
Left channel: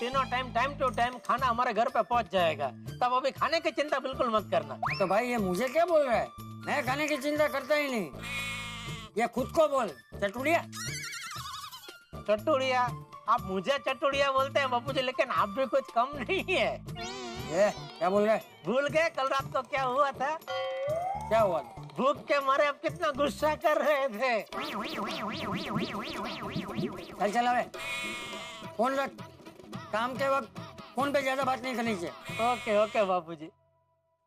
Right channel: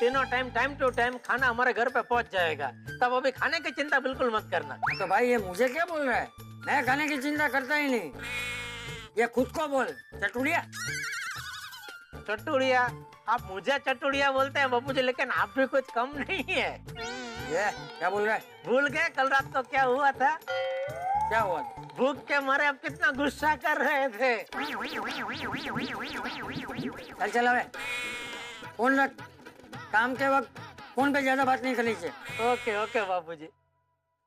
तीनों टाइम टू टाइम खाना हमारे घर पे पहुंच जाएगा। तब अभी खाने की चिंता बिल्कुल मत करना। तो भाई ये मुझे क्या बोल रहा है? मैं खाने की चिंता करता ही नहीं, ये खुद को बोल। चटुड़िया चटुड़िया, आप मुझे चटुड़िया बोलते हैं बापूजी, लेकिन आप भी कुछ कम नहीं है। ये क्या बोल रहा है? भूल गए कल रात को क्या हुआ था? क्या हुआ? भूख के मारे आप कितना गुस्सा कर रहे थे। चल चला फोन रख, काम के वक्त फोन पे ज्यादा बात नहीं करनी चाहिए। ओके ओके बापूजी।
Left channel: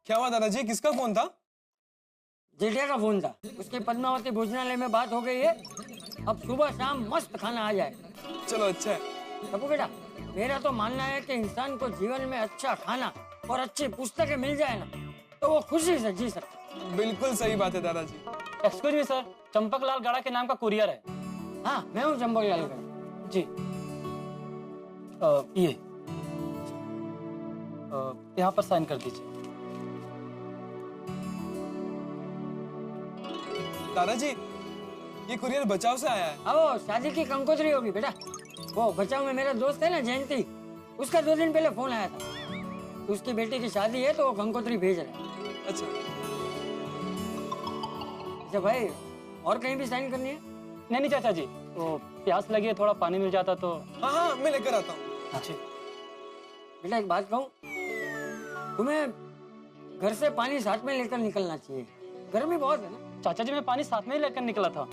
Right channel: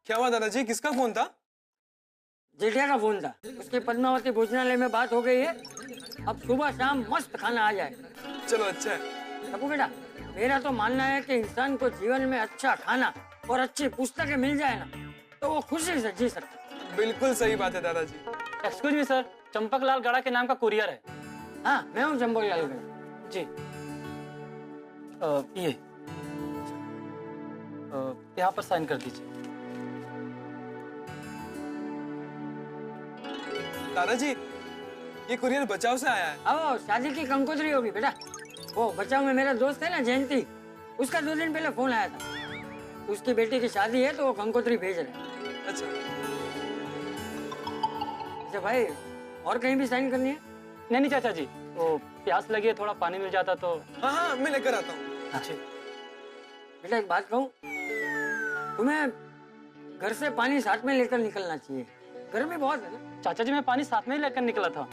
क्या हुआ दादाजी, किसका फोन था? जेठिया का फोन था, उसकी पद्मावती भोजनालय में बात हो गई है, अब सुबह शाम मस्त खाना आ जाए। चलो अच्छा है। टप्पू बेटा, मेरा तो मानना है कि इंसान को जीवन में अच्छा खाना और अच्छी पुस्तकें मिल जाए ना, तो वो खुशी से जी सकता है। बिल्कुल सही बात है दादाजी। एक्सक्यूज मी सर, चंपक लाल गड़ा के नाम का कुरियर है। हाँ, मैं हूँ चंपक लाल गड़ा जी। ये यहाँ पर साइन कर दीजिए। दादाजी, ये कुरियर बचाव से आया है। अब शादी की कंकोत्री होगी बेटा। वो बचाव में मेरा दोस्त है ना जयंती, उसका 2 दिन पहले फोन आया था। उसकी बेटी की शादी है तो वो कंकोत्री भेज रहा है। अच्छा भाई, और कहीं भी साइन करनी है? नहीं चाचा जी, तो प्यास लगी है, थोड़ा पानी मिल जाता तो। हाँ, मैं लेकर आता हूँ। अच्छा बेटा, एक बात कहूँ, तुम्हें घर से पानी साथ में लेकर निकलना चाहिए, गर्मी बहुत है ना। चाचा जी, मैं पानी साथ में ही लेकर निकला था,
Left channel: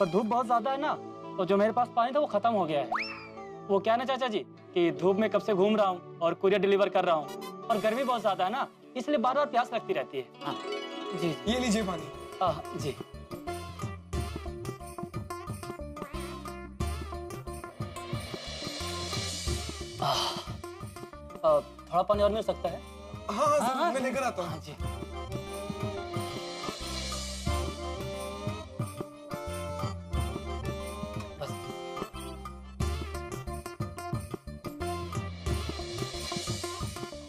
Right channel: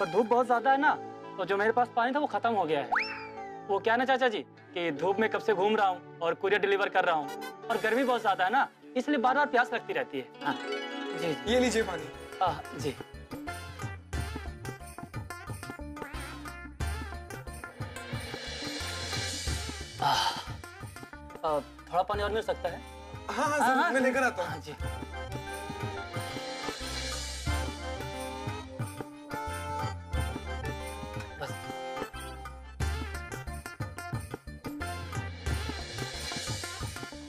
पर धूप बहुत ज्यादा है ना, तो जो मेरे पास पानी था वो खत्म हो गया है। वो क्या ना चाचा जी कि धूप में कब से घूम रहा हूँ और कुरियर डिलीवर कर रहा हूँ, और गर्मी बहुत ज्यादा है ना, इसलिए बार बार प्यास लगती रहती है। हाँ जी, ये लीजिए पानी। जी। थोड़ा पानी और मिल सकता है? हाँ, जरूर, मैं लेकर आता हूँ। जी। बस।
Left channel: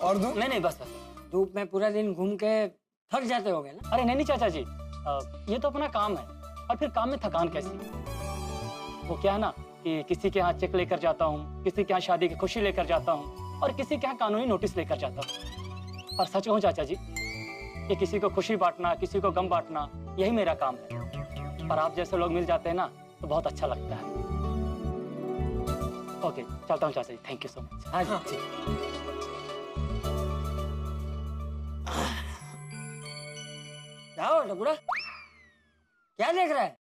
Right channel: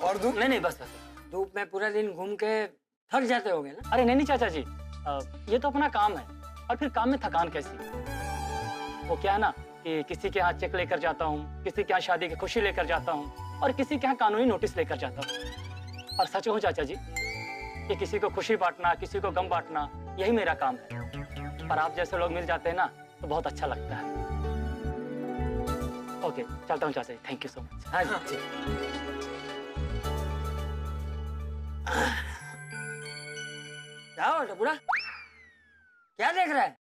और धूप? नहीं, बस। धूप में पूरा दिन घूम के थक जाते होगे ना? अरे नहीं चाचा जी, ये तो अपना काम है, और फिर काम में थकान कैसी? वो क्या है ना कि किसी के यहाँ चेक लेकर जाता हूँ, किसी के यहाँ शादी की खुशी लेकर जाता हूँ, और किसी के यहाँ कानूनी नोटिस लेकर जाता हूँ। और सच कहूँ चाचा जी, कि किसी को खुशी बांटना, किसी को गम बांटना, यही मेरा काम है। पर आप जैसे लोग मिल जाते हैं ना, तो बहुत अच्छा लगता है। ओके, चलता हूँ चाचा जी, थैंक यू सो मच। हाँ जी। जाओ टपुड़ा, क्या देख रहा है?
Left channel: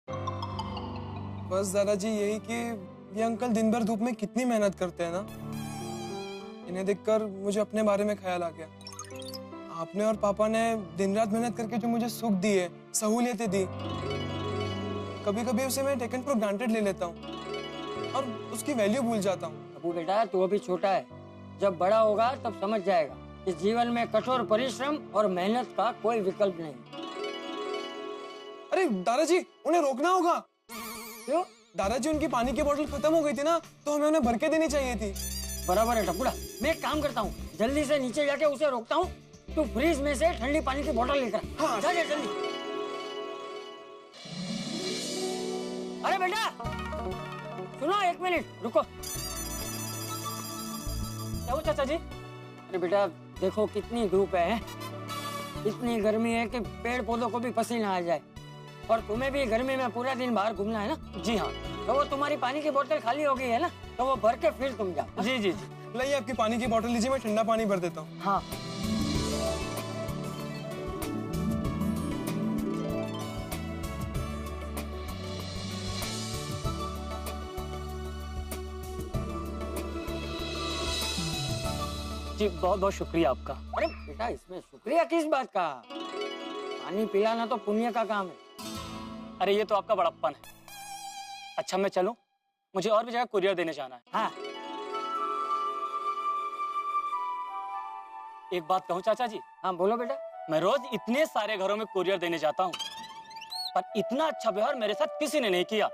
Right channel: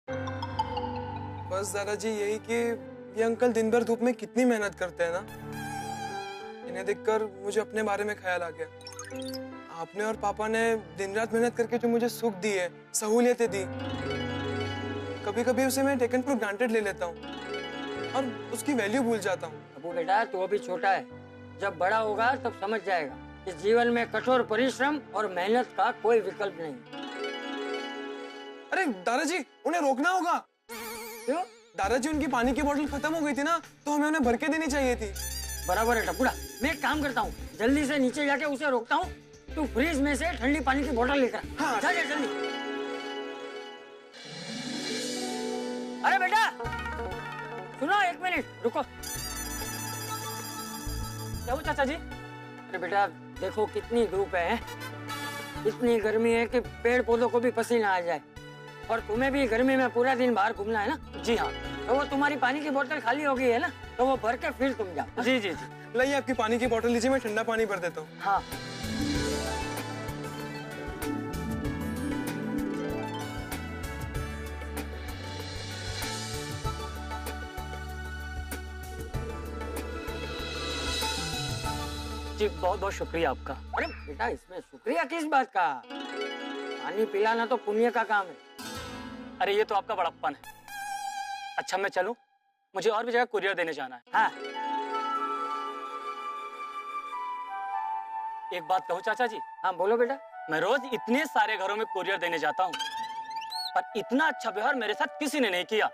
बस दादाजी, यही कि ये अंकल दिन भर धूप में कितनी मेहनत करते हैं ना, इन्हें देखकर मुझे अपने बारे में ख्याल आ गया। आपने और पापा ने दिन रात मेहनत करके जो मुझे सुख दिए, सहूलियतें दी, कभी कभी उसे मैं टेकन फॉर ग्रांटेड ले लेता हूँ और उसकी वैल्यू भूल जाता हूँ। अबू बेटा, तू अभी छोटा है, जब बड़ा होगा तब समझ जाएगा कि जीवन में कठोर परिश्रम और मेहनत का कोई विकल्प नहीं। अरे दादाजी, उन्हें रोकना होगा। क्यों? दादाजी, उनकी पानी की बोतल खत्म हो गई थी ना, तो हमें उन्हें भर के देनी चाहिए थी। बराबर है टपुड़ा, मैं एक काम करता हूँ, जल्दी से नीचे जाके उसे रोकता हूँ, तू फ्रिज में से ठंडी पानी की बोतल लेकर आ। हाँ, जा जल्दी। अरे बेटा सुनो, 1 मिनट रुको। क्या हुआ चाचा जी? अरे बेटा देखो, कितनी धूप है, इतनी गर्मी है कि पेड़ पौधों को भी पसीना आ जाए, और तुम्हें भी गर्मी में पूरा दिन बाहर घूमना है ना? जी हाँ। तो वो तुम्हारी पानी की बोतल खाली हो गई है ना, तो वो भर के फिर तुम जाओ। जी। लाइए, आपकी पानी की बोतल लीजिए, मैं ठंडा पानी भर देता हूँ। हाँ। जी, बहुत बहुत शुक्रिया आपका। अरे बेटा, इसमें शुक्रिया किस बात का? पानी पिलाना तो पुण्य का काम है। अरे ये तो आपका बड़प्पन है। अच्छा, मैं चलूं? मुझे और भी जगह कुरियर देने जाना है। हाँ। एक बात कहूं चाचा जी? हाँ बोलो बेटा। मैं रोज इतने सारे घरों में कुरियर देने जाता हूं, पर इतना अच्छा व्यवहार मेरे साथ किसी ने नहीं किया।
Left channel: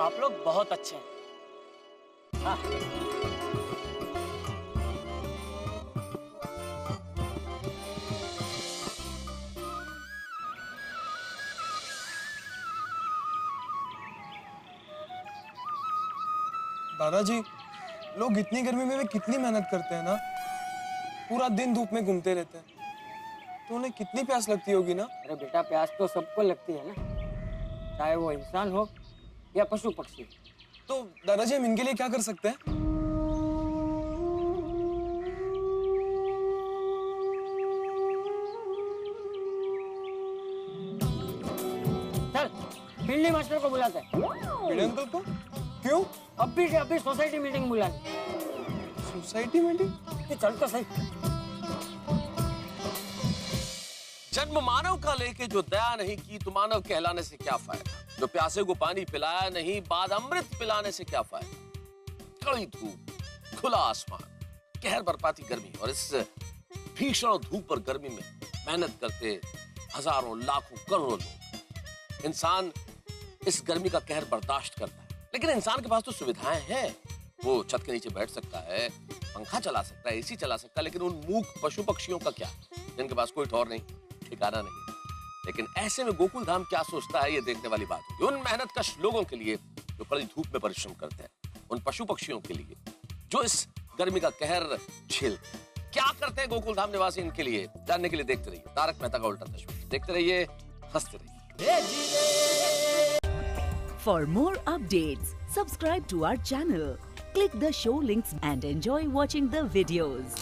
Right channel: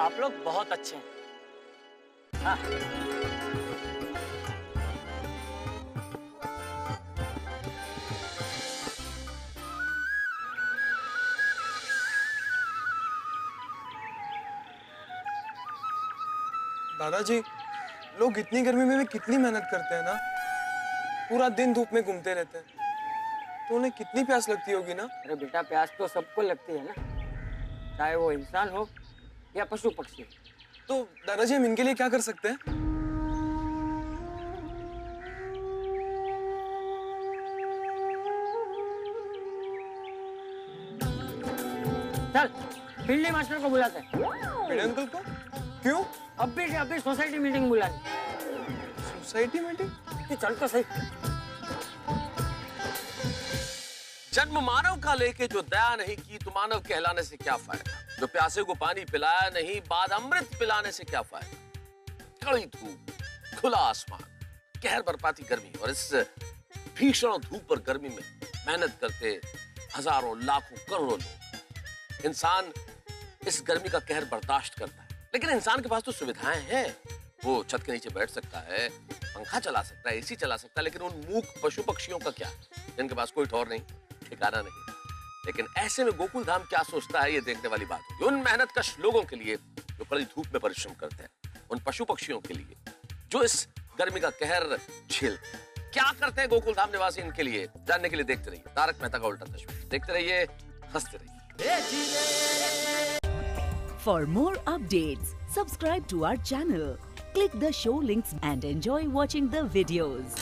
आप लोग बहुत अच्छे हैं। हाँ। दादाजी, लोग इतनी गर्मी में भी कितनी मेहनत करते हैं ना, पूरा दिन धूप में घूमते रहते हैं, तो उन्हें कितनी प्यास लगती होगी ना? अरे बेटा, प्यास तो सबको लगती है ना, चाहे वो इंसान हो या पशु पक्षी। तो दादाजी, हम इनके लिए क्या कर सकते हैं? चल, भिंडी मास्टर को बुलाते हैं। भिंडी अंकल को? क्यों? अभी के अभी सोसाइटी मीटिंग बुलानी। Society meeting? चल तो सही। जन्म मानव का लेके जो दया नहीं की, तो मानव कहलाने से क्या फायदा? जो प्यासे को पानी पिलाया नहीं, बाद अमृत पिलाने से क्या फायदा? कड़ी धूप, खुला आसमान, कहर बरपाती गर्मी, और इस भीषण धूप और गर्मी में मेहनत करते हजारों लाखों करोड़ों लोग, इंसान इस गर्मी का कहर बर्दाश्त करता है, लेकिन इंसान के पास तो सुविधाएं हैं। वो छत के नीचे बैठ सकता है, पंखा चला सकता है, एसी चला सकता है, लेकिन उन मूक पशु पक्षियों का क्या, जिनके पास कोई ठौर नहीं, ठिकाना नहीं। लेकिन ऐसे में गोकुल धाम क्या सोचता है, ये देखने वाली बात होगी। उन मेहनतकश लोगों के लिए जो कड़ी धूप में परिश्रम करते हैं, उन पशु पक्षियों के लिए जो इस गर्मी का कहर झेलते हैं, क्या करते हैं गोकुल धाम निवासी इनके लिए, जानने के लिए देखते रहिए तारक मेहता का उल्टा चश्मा। देखते रहिए, हंसते रहिए। For more updates, subscribe to our channel, click the show links and enjoy watching the videos.